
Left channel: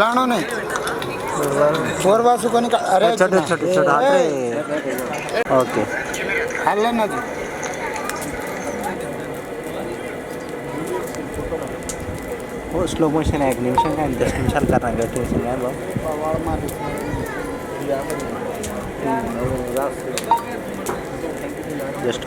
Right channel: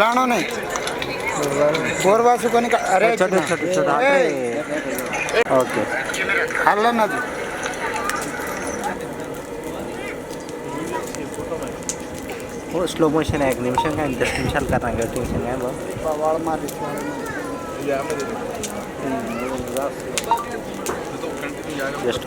लाणो नहीं कोरवासुకొని अरे छोटे छोटे छोटे ओके అల్లన్నది वो स्लो मोशन है 1 निमिषం का 10 నిమిషాలు करना 2 నిమిషం है जस्ट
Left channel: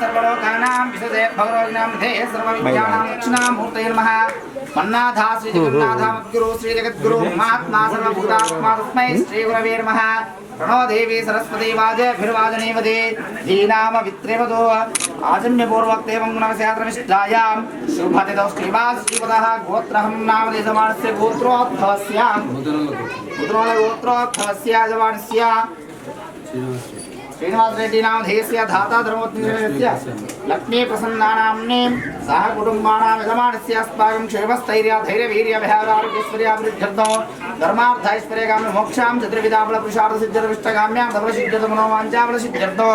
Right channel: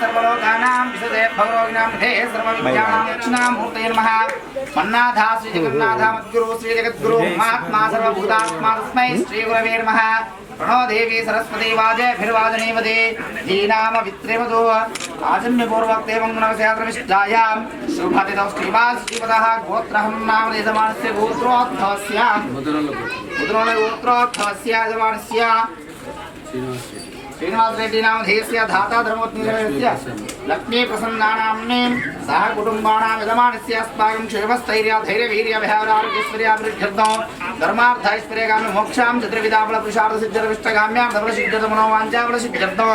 सर्वलोकानां विशदे भगवोग्नां निधे सर्वविद्यानां दक्षिणामूर्तये नमः मन्नाथा श्री जगन्नाथ मद्गुरु श्री जगद्गुरु महात्मा सर्वभूतात्मा तस्मै श्री गुरवे नमः प्रणो देवी सरस्वती वाजे भिर्वाजनेवदे धीनाम वित्रेवदो आजन्य पूर्वक देवं गुणवस्यात्रमिष्टायां शुभदितौ श्रीवास श्रीपदः गोत्रहं नाम देशमानस्य गोत्रोत्थवस्य गोत्रोत्थवस्य जमानस्य श्रीनिवास रेड्डी नाम धेयस्य धाता धर्मोत्तरस्य लक्ष्मी प्रसन्नानाम्ने सह कुटुम्बानां यजमानस्य अस्माकं क्षेमस्थैर्य धैर्य वीर्य भयारोग्यैश्वर्याभिवृद्ध्यर्थं धर्मार्थैश्वर्यकाम्य मोक्षां चतुर्विधाफल पुरुषार्थ सिद्धिर्विष्टकाम्यां धर्मसिद्धिर्मनोवाञ्छाफलसिद्ध्यर्थं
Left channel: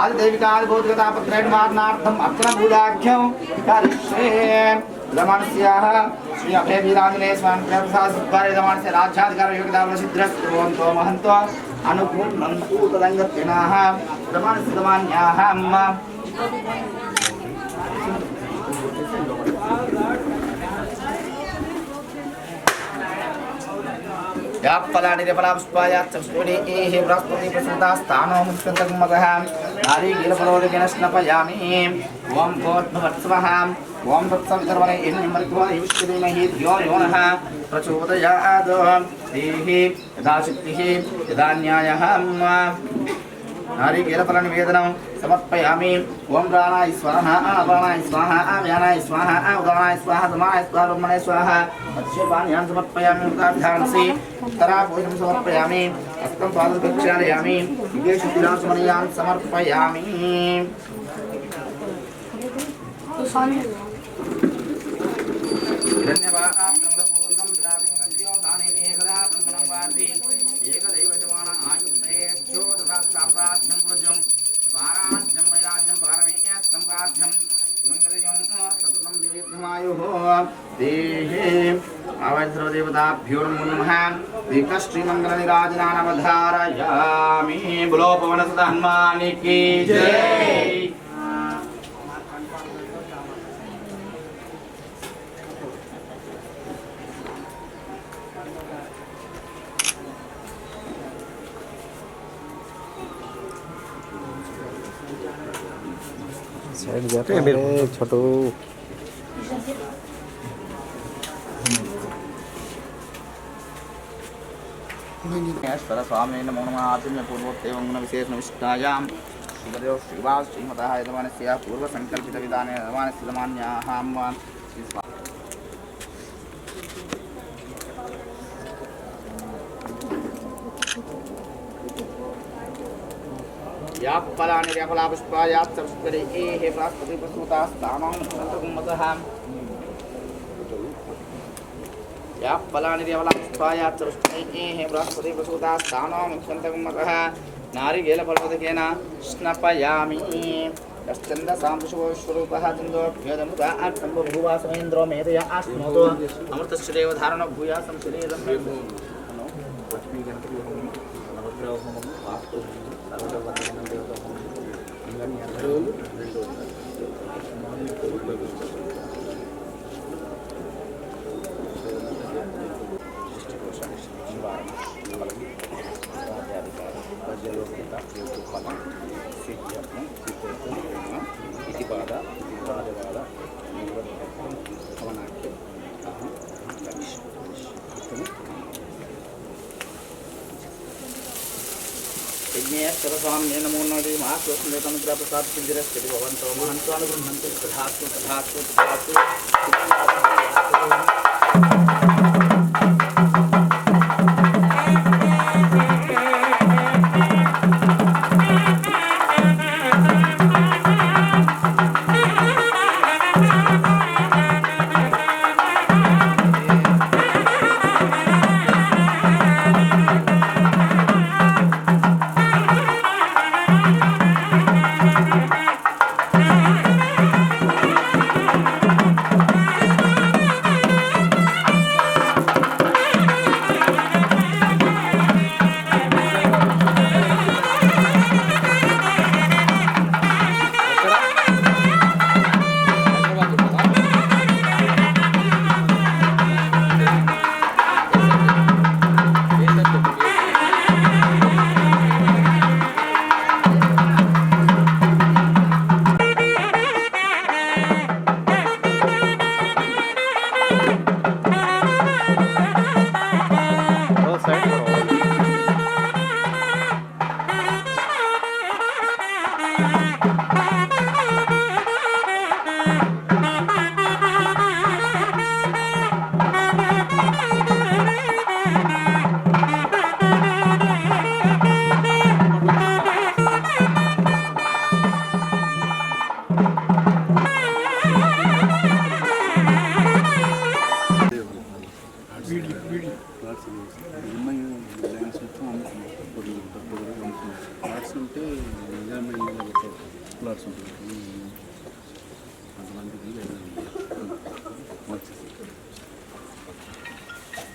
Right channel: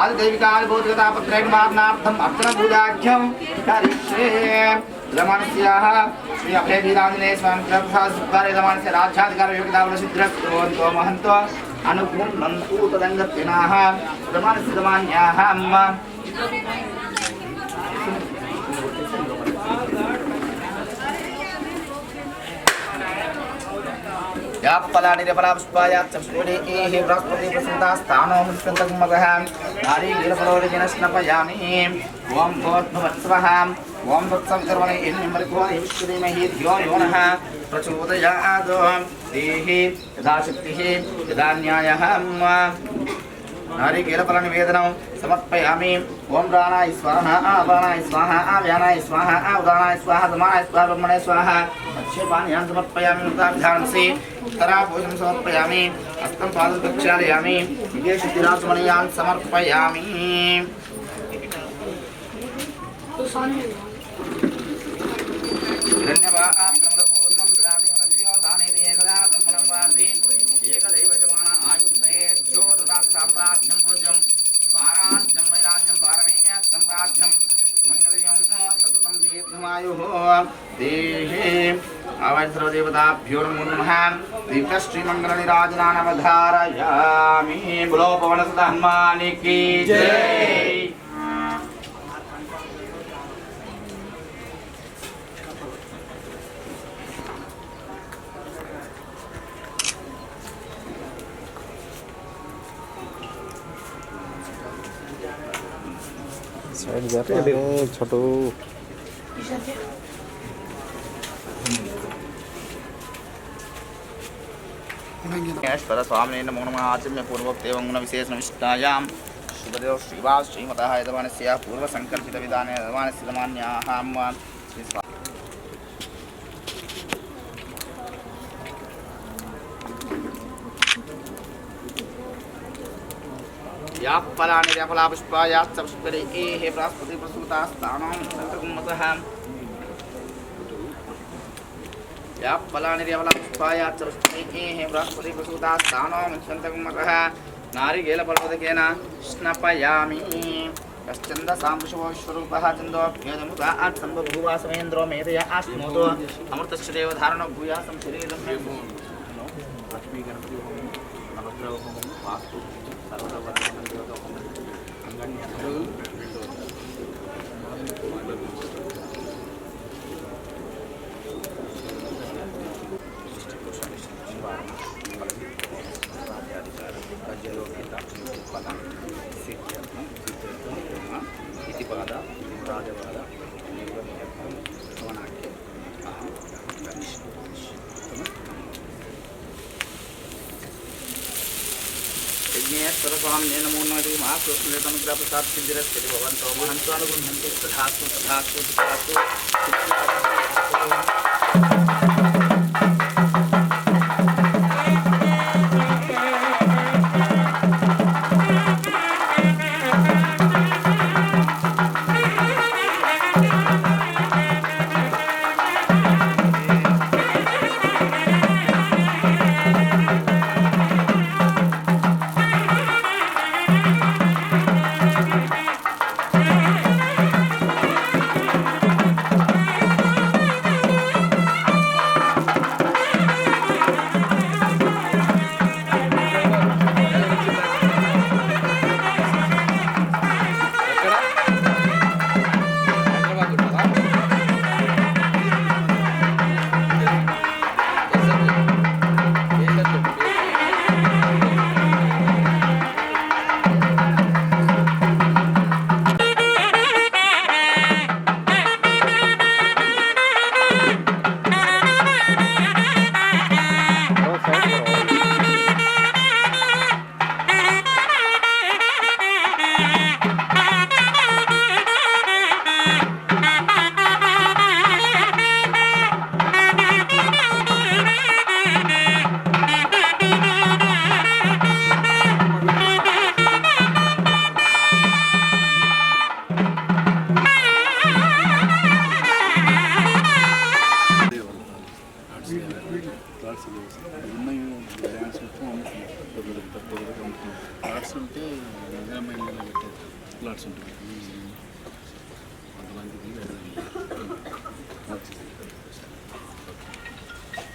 आदिदैविकादिभौतिकतापत्रयन्वादनार्थम् अर्चनपूजाख्यं करिष्ये यजमानस्याः श्री अभयवीराञ्जनेय स्वामी प्रभुसाद्वारे यजमानस्य राज्याधिकारयोग्यताफलसिद्धिर्कुर्वन्तो महन्तो अनुकूलनन्दूतरङ्गत्विनाः प्रमाणसिद्धमान्याः या फलानि फलापुष्पाया चक्षुरे एहि बृहस्पति प्रसन्तास्तानो मुच्यन्तकुमतः नारीगीलफलोदिनस्नपयामि ओं भोर्भुवत्सवः ओं तत्सवितर्वणे इन्निमृत्वानि विश्वदेमहि धियो यो नः प्रचोदयात् देहि यदा शक्तिः यदा न्यायः नारिकेलफलनिवेदनं समर्पयामि ओं प्राणाय स्वाहा अपानाय स्वाहा व्यानाय स्वाहा उदानाय स्वाहा समानाय स्वाहा ब्रह्मणाय स्वाहा अच्छेपानीयान् समर्पयामि मृताभिधानसे उत्तराभूषं समर्पयामि हस्तं पादं प्रक्षालयामि विदेशुद्धिराचमनीयान् समर्पयामि धन्यवाद पूर्णं ददाति एकदा ब्रह्मणं वार्ति एकदैव जमाना आयुष्ये साम्राज्यं पूज्यं स्वाराज्यं वैराज्यं पारमेयस्तं राज्यं मङ्गलयं सततं दीर्घमायुः देहे आवैश्रवदेवताभ्यो नमो नमः दीर्घश्रीमङ्गलनिराजनानवधारयामि बोलो पवनसुत हनुमान की जय। साइड जाते हैं छोटो ईश्वर स्वामी नमो नमः आचम्य पूर्वक एवं गुण विशेष निष्ठायां शुभदेव श्रीवास श्रीमतः यजमानस्य पूर्व संकल्पित विधाने यजमानस्य यजमान्याः या फलानि फलापुष्पायाश्च पुष्परे एहि बृहस्पति प्रसूतास्तानां सन्तकुम्मतः या फलानि फलापुष्पायाश्च पुष्परे एहि बृहस्पति प्रसूतास्तानां सन्तकुम्मतः नारिकेलफलोदकेन स्नपयामि कश्चन्दसां विश्वरूपः चन्दोऽभ्यदमुता सम्बभूवा समेन्द्रो मेधया आश्नोतो अमृतस्य देवधारणो भूयासं शरीरं लक्ष्मी गणपति नवग्रह होमं वास्तु सर्ववर्धमान देवता होमं अंगन्य यज्ञेश्वर स्वामी नमो नमः महाप्रसाद प्रसाद सिद्धिरस्ति भवन्तो महन्त्वानुगृह्णन्ति तथास्तु तथास्तु तथास्तु।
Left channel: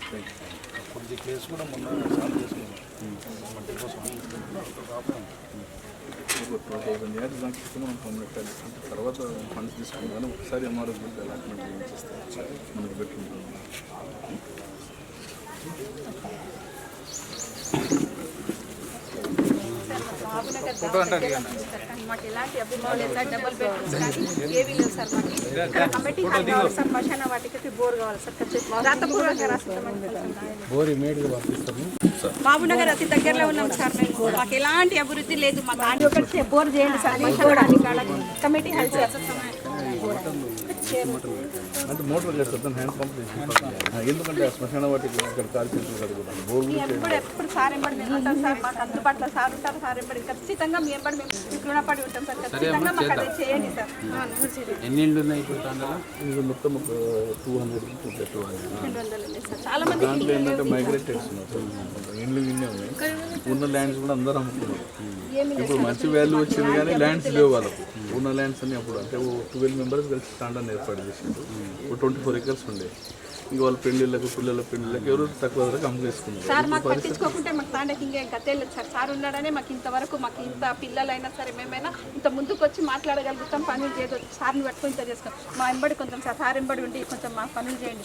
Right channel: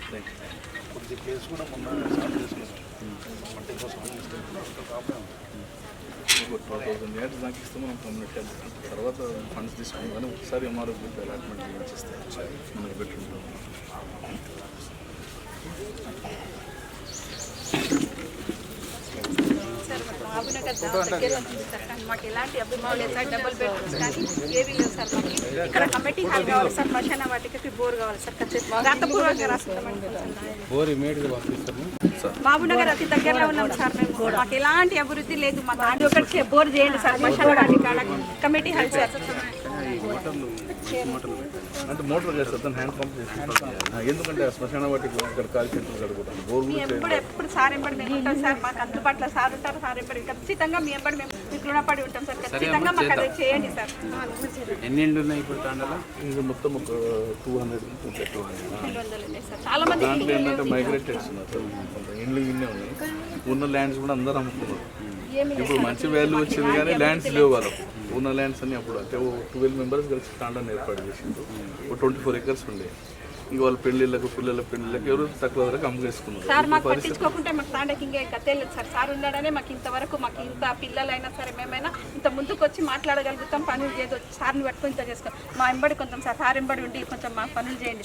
ఇప్పుడు కేసు కూడా మొన్న సాల్వ్ చేసుకున్నాం మట్టి కోసం ఒక 2000 యార్డ్స్ దాకా ఇస్తే మనం పర్మనెంట్ అంటే తర్వాత ఫండ్స్ తీసుకున్నాం కానీ ఒకసారి ఎంఆర్ఓ అలాట్మెంట్ చేయించేస్తే మనకు బెటర్ ఉంటుంది. మాకు ఎలాంటి అభిమానం లేదు సార్. డబుల్ బెడ్రూమ్స్ కానీ ఏది లేదు సార్. మాకు ఇక్కడ కమిటీ హాల్ కావాలి సార్. మశాన వాటికి బోర్ కావాలి సార్. రాతపూర్వకంగా రాసిస్తామని బోర్ ఇమీడియట్గా పంపిస్తాము. మహబూబ్నగర్ అతి దగ్గరలో ఉన్నాం సార్. మేము మాకు ఎలాంటి అభివృద్ధి లేదు. మాకు ఆంటీ ఒకటి బోర్ చేయండి సార్. మశాన వాటి కాడ కమిటీ హాల్ సార్. అంటే మోటార్ చేస్తాను హ్యాండ్ పంప్ చేసి ఎందుకంటే శ్మశాన వాటికి ఇక్కడ కాలు చేతులు కడుగుతాను బోర్ ఎప్పుడు సార్ ఎంబడి మేము ఉంటాం సార్. మాకు అందుబాటులో సార్ ఉంటారు. సార్ ఎంబడి ఖచ్చితంగా మీ ఎంబడి మేము మీకు రుణపడి ఉంటాం సార్. ఖచ్చితంగా మాకు అది చేయండి సార్. ఎన్ని ఇండ్లు ఉన్నాయి ఇప్పుడు తాండలో? ఇది మొత్తం ఒక 200 సార్. చాలా మంది దాంట్లో ఏంటంటే మైగ్రేటెడ్స్ ఉన్నారు. ఇండ్లు ఇన్నే ఉన్నాయి. ఉన్న ల్యాండ్స్ కూడా అందరూ అమ్ముకున్నారు. ఇప్పుడు మంచి వాల్యూ వచ్చింది కానీ ల్యాండ్స్ లేవు వాళ్ళకు. ఉన్న ల్యాండ్స్ అన్ని అప్పుడు అంటే 12 మెంబర్స్ కలిసి తాండాన్ని ఏర్పాటు చేసిండు. ఒక 24 acres ఉండే. ఇంక వాళ్ళ పెళ్లిళ్ళకు పిల్లల పెళ్లిళ్ళకి ఎవరు తక్కువ ధరకు అమ్ముకేసుకున్నారు. సార్ మాకు పట్టించుకోకుంటే మాకు తాండకి ఇంకా గతేలేదు సార్. సార్ ఉన్నాడనే మాకు ఇంతవరకు మాకు ఇంత పిల్లలైనా సరే మేమైనా ఇంత ముందుకు వచ్చి మాట్లాడగలుగుతాం. పనులు చేయదు. సార్ని పట్టుకొని ఇంత చేసుకో. మా ఎంబడి కొంచెం సార్ ఎంబడి ఉండి కొంచెం మా పనులు చేయండి.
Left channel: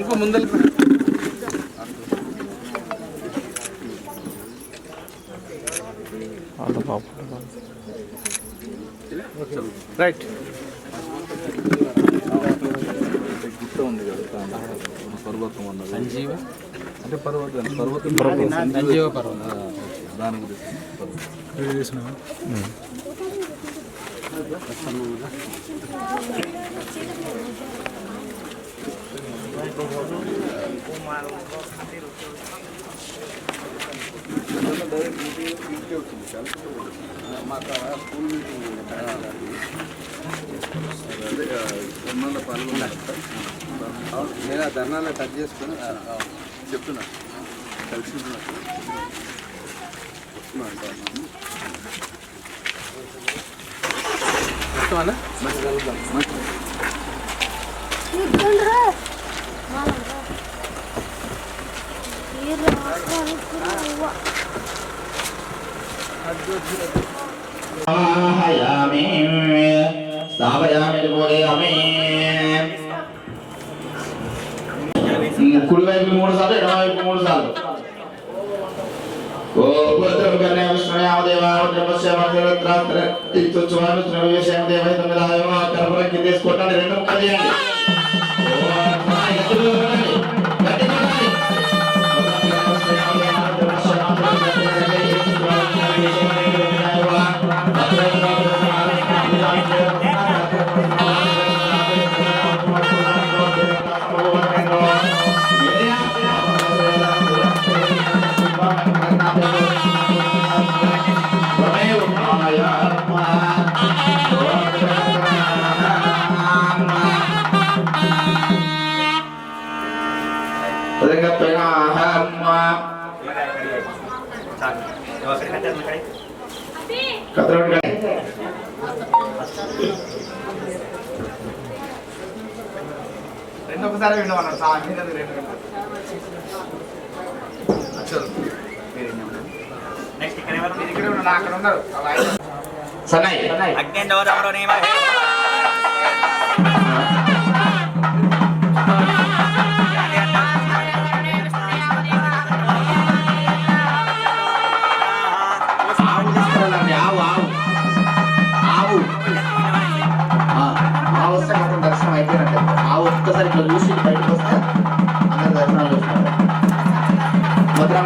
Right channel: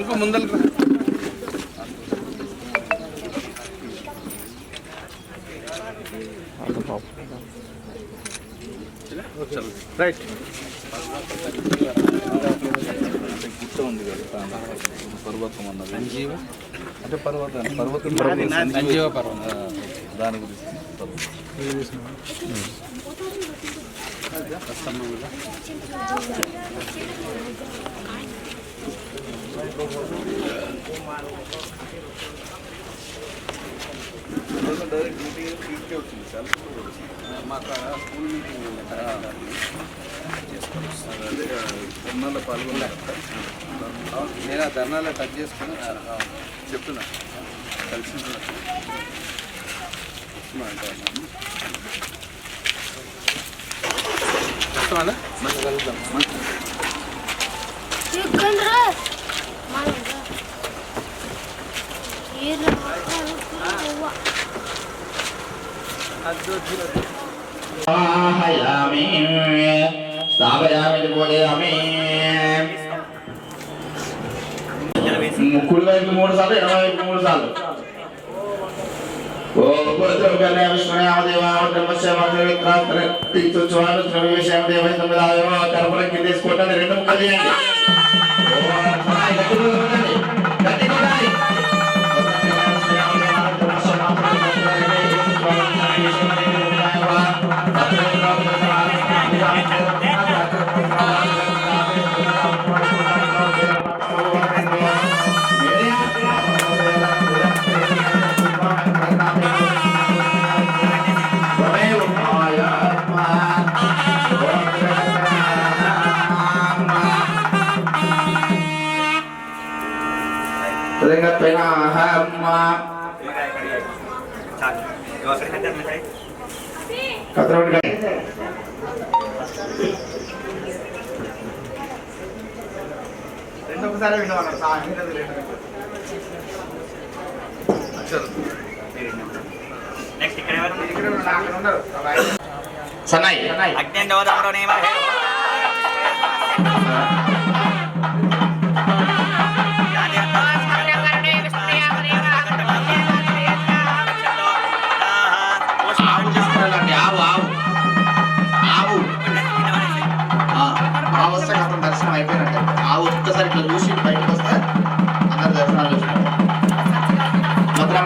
ఇంకో ముందర రైట్ గుట్ట ఉంది కదా పర్వతం అన్నది సంజీవ అంటే పర్వతం సంజీవ పర్వతం దాని గురించి డైరెక్ట్ మీటింగ్ వచ్చింది చాలా మాకు స్కూల్ మీటింగ్ అదే ధర్నాలో పాల్గొన్నారు. నేను ఆ ధర్నాలో టచ్ చేసుకుని చెప్తున్నా కలిసి వస్తున్నా అంటే మంచి కలుద్దాం. ముక్కుడు వైపు 3 సార్లు ఎడమ వైపు 3 సార్లు. తీసుకోండి 2 ముక్కలు చేయండి. రెండొకసారి వినమన్నారు. నెక్స్ట్ ఇక్కడ ఎవరు సన్నాయి అగ్నేంద్రవరంలో నియమ దర్శనం అయిపోయినట్టే. ఆ ఒక్కసారి ఇట్లా చూసి బయటకు వస్తే అందరు దర్శనాలు చూసినట్టు. భద్రం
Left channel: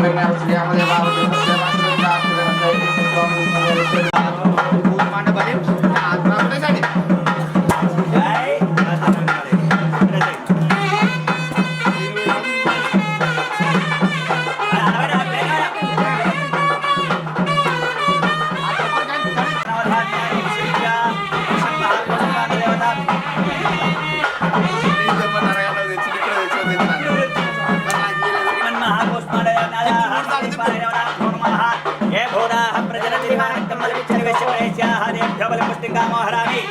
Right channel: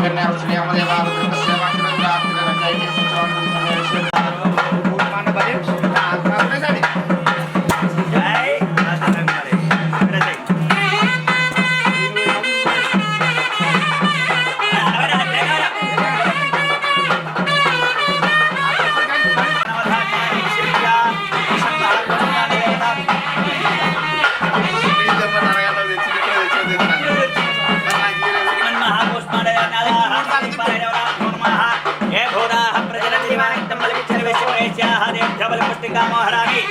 ప్రజల కామోహరామి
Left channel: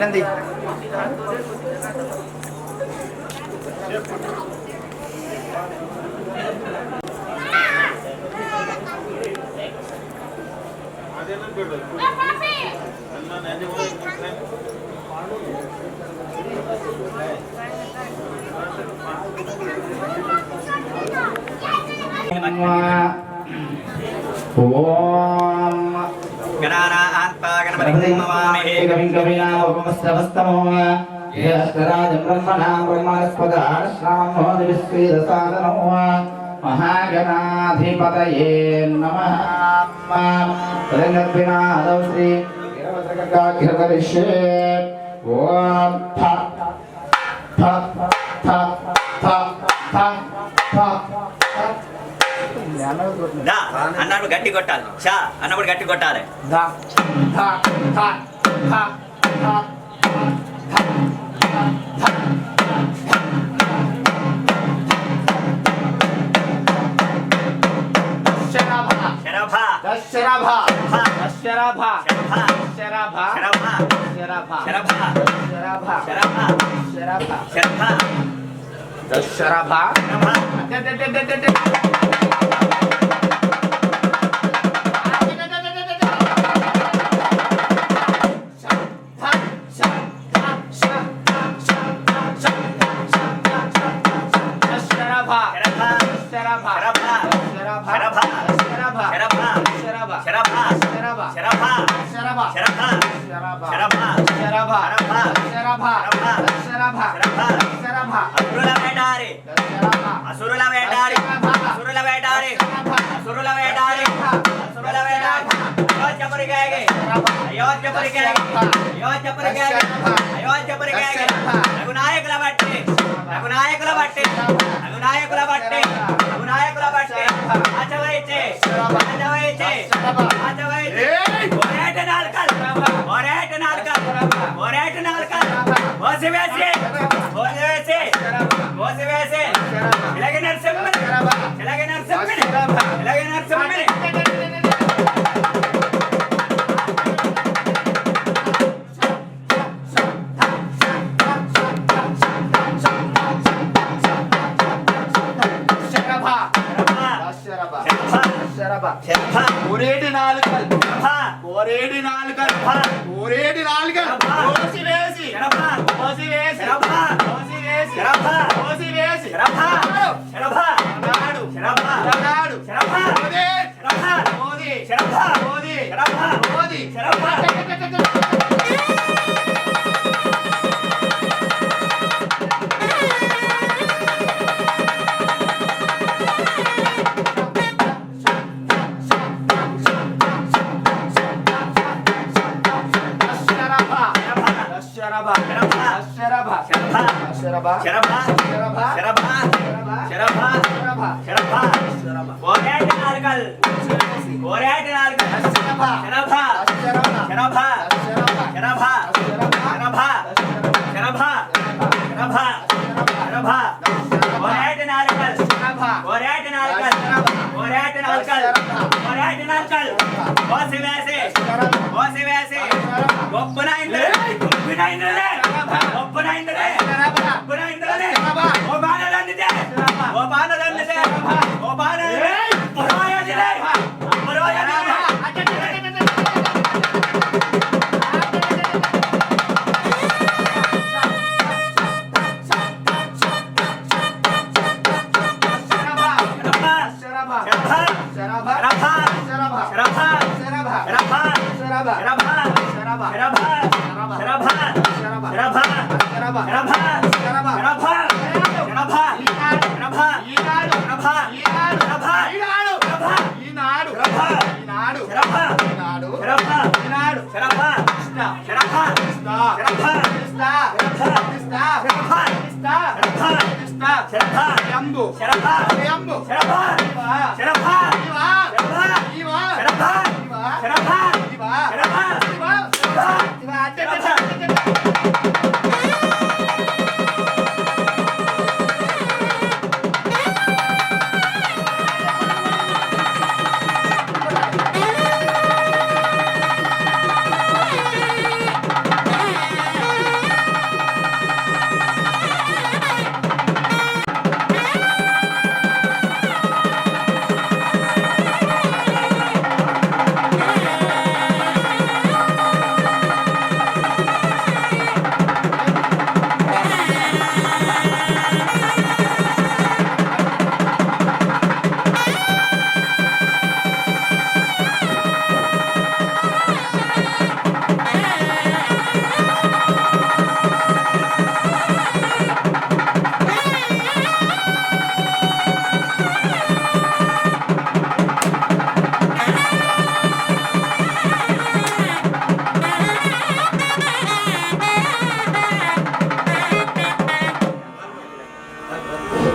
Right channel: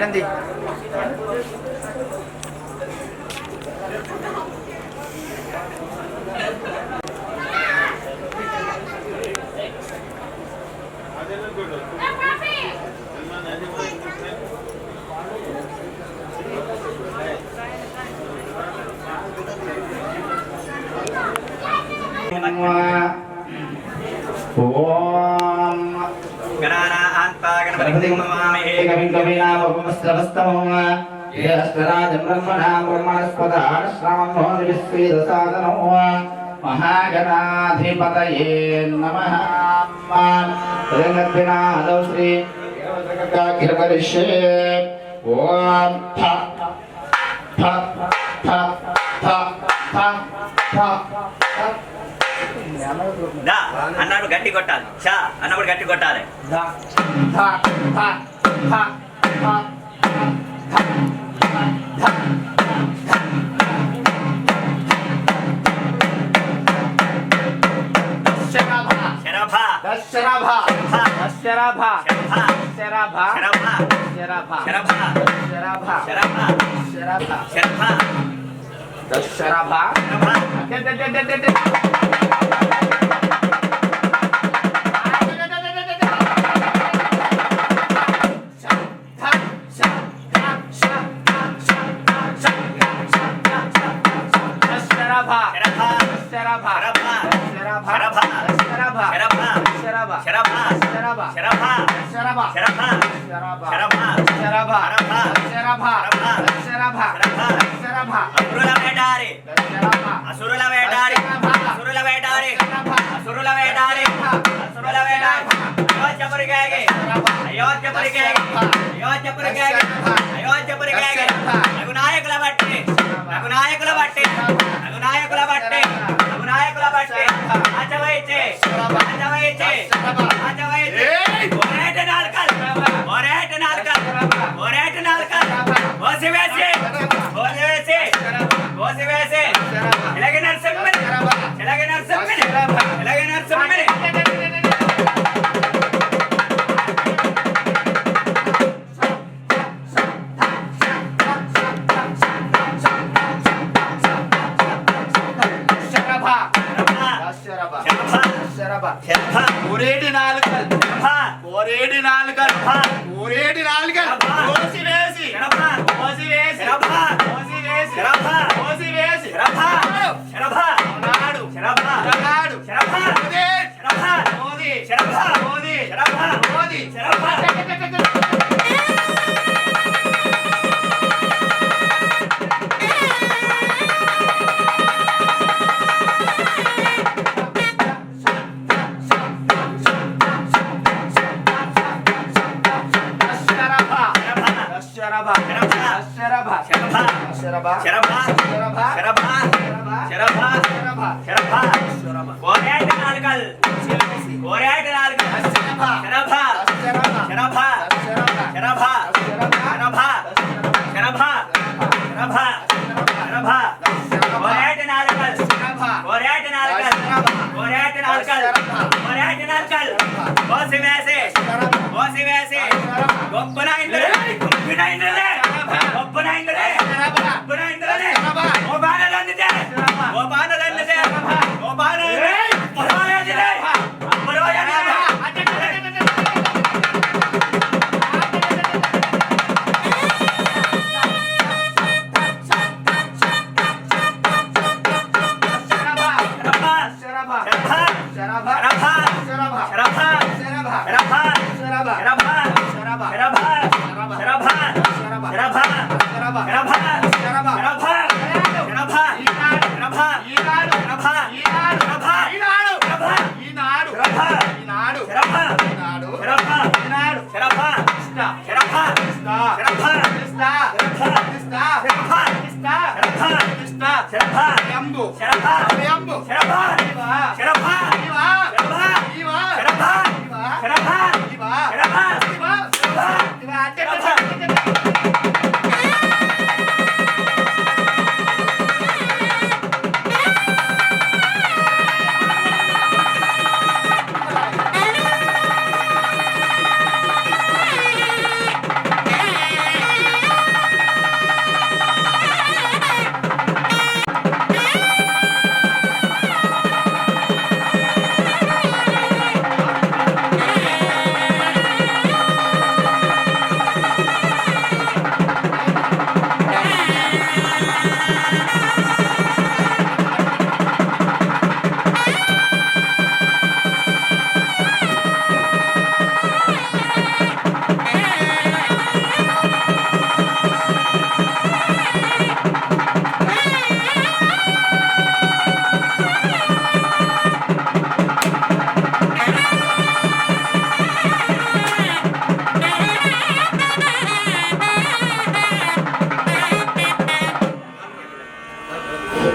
Nanti. महागणाधिपतये नमः त्रिगर्भिणादौ श्री करिष्ये ओम थ थ थ थ थ थ దా అన్నప్పుడు గట్టి కొట్టాలి షా అన్నప్పుడు గట్టి కొట్టాలి ధ ధ ధ ధ ధ ధ శరభా శరభా శరభా శరభా శరభా శరభా శరభా శరభా శరభా శరభా శరభా శరభా అసురుల వేటాడి అసురుల వేటాడి అసురుల వేటాడి అసురుల వేటాడి అయోధ్యపురికేగి అయోధ్యపురికేగి అయోధ్యపురికేగి అయోధ్యపురికేగి రఘునాయకుల బట్టి రఘునాయకుల బట్టి రఘునాయకుల బట్టి రఘునాయకుల బట్టి ఆచవైచే ఆచవైచే ఆచవైచే ఒరేట నాల్కల్ ఒరేట నాల్కల్ ఒరేట నాల్కల్ ఓసివేసి ఓసివేసి ఓసివేసి ఇలాగే నరసింహని ఇలాగే నరసింహని ఇలాగే నరసింహని ఒరేటి నాలుకల్ ఒరేటి నాలుకల్ ఒరేటి నాలుకల్ కోసి వేసి కోసి వేసి కోసి వేసి కోసి వేసి నాడు నాడు మోదీ మోదీ మోదీ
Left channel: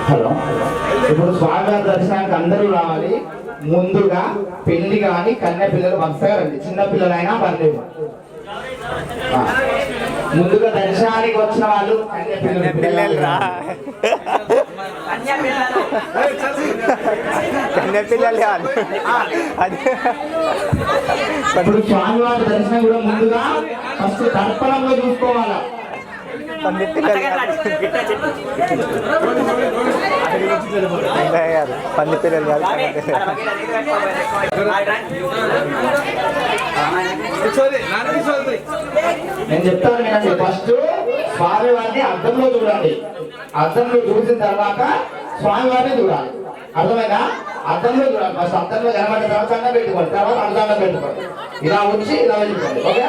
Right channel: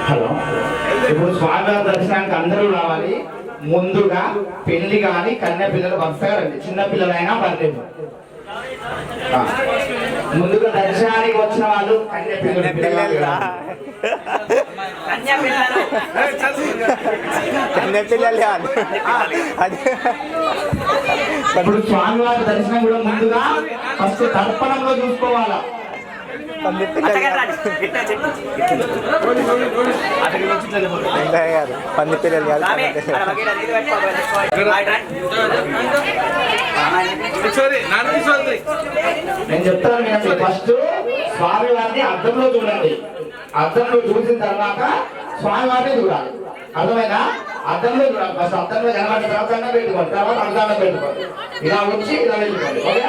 హలో ఇప్పుడు స్వామివారి దర్శనానికి అందరూ రావాలి. ముందుగా పెళ్లి కానీ కన్య పిల్లలు వరుసగా రండి. చిన్న పిల్లలైనా పర్లేదు. ముందుగా దర్శనానికి వచ్చిన వాళ్ళు పిల్లలు రా కన్య పిల్లలు కాదు ఇప్పుడు స్వామివారి దర్శనం కూడా ముందుగా ఫస్ట్ తర్పణంలో చూసుకోవాలా. కన్య పిల్లలు కాదు పంది పిల్లలు కాదు నేను చెప్తాను వినండి. ఫస్ట్ స్వామివారిని అద్దంలో చూడండి. అద్దంలో చూసిన తర్వాత స్వామివారిని చూడాలి. అర్థమైనా? అద్దంలో చూడాలి. ఫస్ట్ అద్దంలో కనబడిన తర్వాత దండం పెట్టుకోండి, తర్వాత అర్థంలో పెట్టుకోండి. ఇలా వచ్చి ఇలా వెళ్ళిపోండి. ఓకే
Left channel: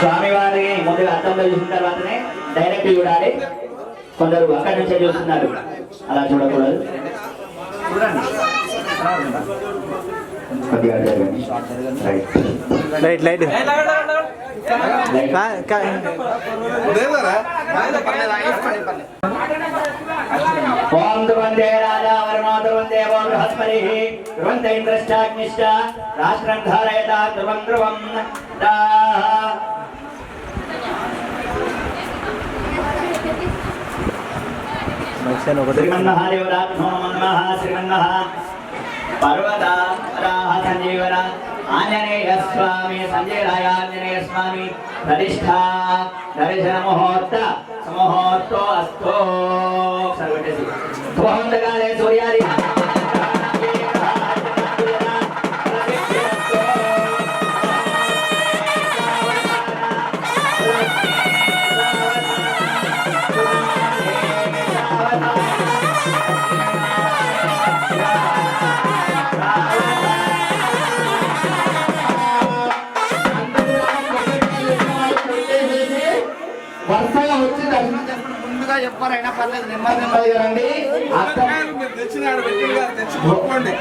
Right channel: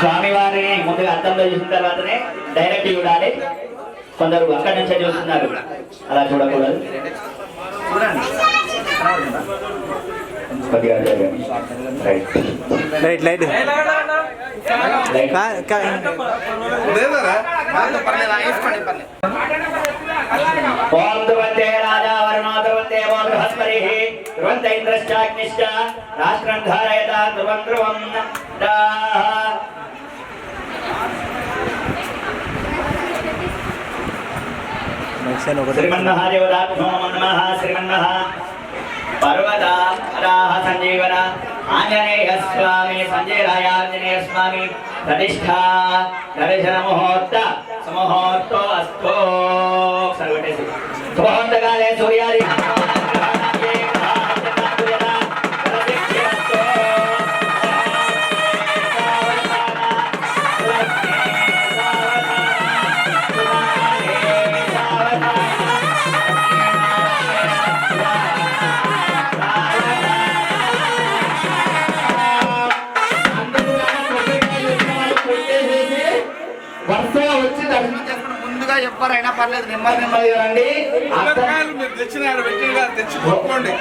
స్వామివారిని ముందుగా అర్థంలో చూసిన తర్వాతనే డైరెక్ట్ చూడాలి. కొందరు అక్కడి నుంచే చూస్తున్నారు, అలా చూడకూడదు. కొద్దిగా జరగండి. లైట్ లైట్ ఓం ధ్రువంతే రాజా వరుణో ధ్రువంతే ఓ బృహస్పతిః ధ్రువంత ఇంద్రశ్చాగ్నిశ్చ రాష్ట్రం ధారయతా ధ్రువం ధ్రువం శ్రీమన్మహాదేవతాభ్యో నమః. శ్రీమన్మహ పర్వతారాః సంజీవన ఆంజనేయ స్వామి సంజయరాయ ఆంజనేయ స్వామి ప్రతిష్ఠా దర్శన ముహూర్త సుముహూర్తో అస్తో సర్వటేసి ముహూర్తకాలే సూర్యాది వరుసగా వచ్చి దర్శనం చేసుకుని ముందుగా చెప్పారైనా పర్లేదు, నెమ్మది నెమ్మదిగా రండి. తెచ్చుకోండి.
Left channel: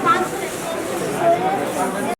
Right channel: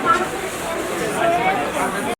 Gracias.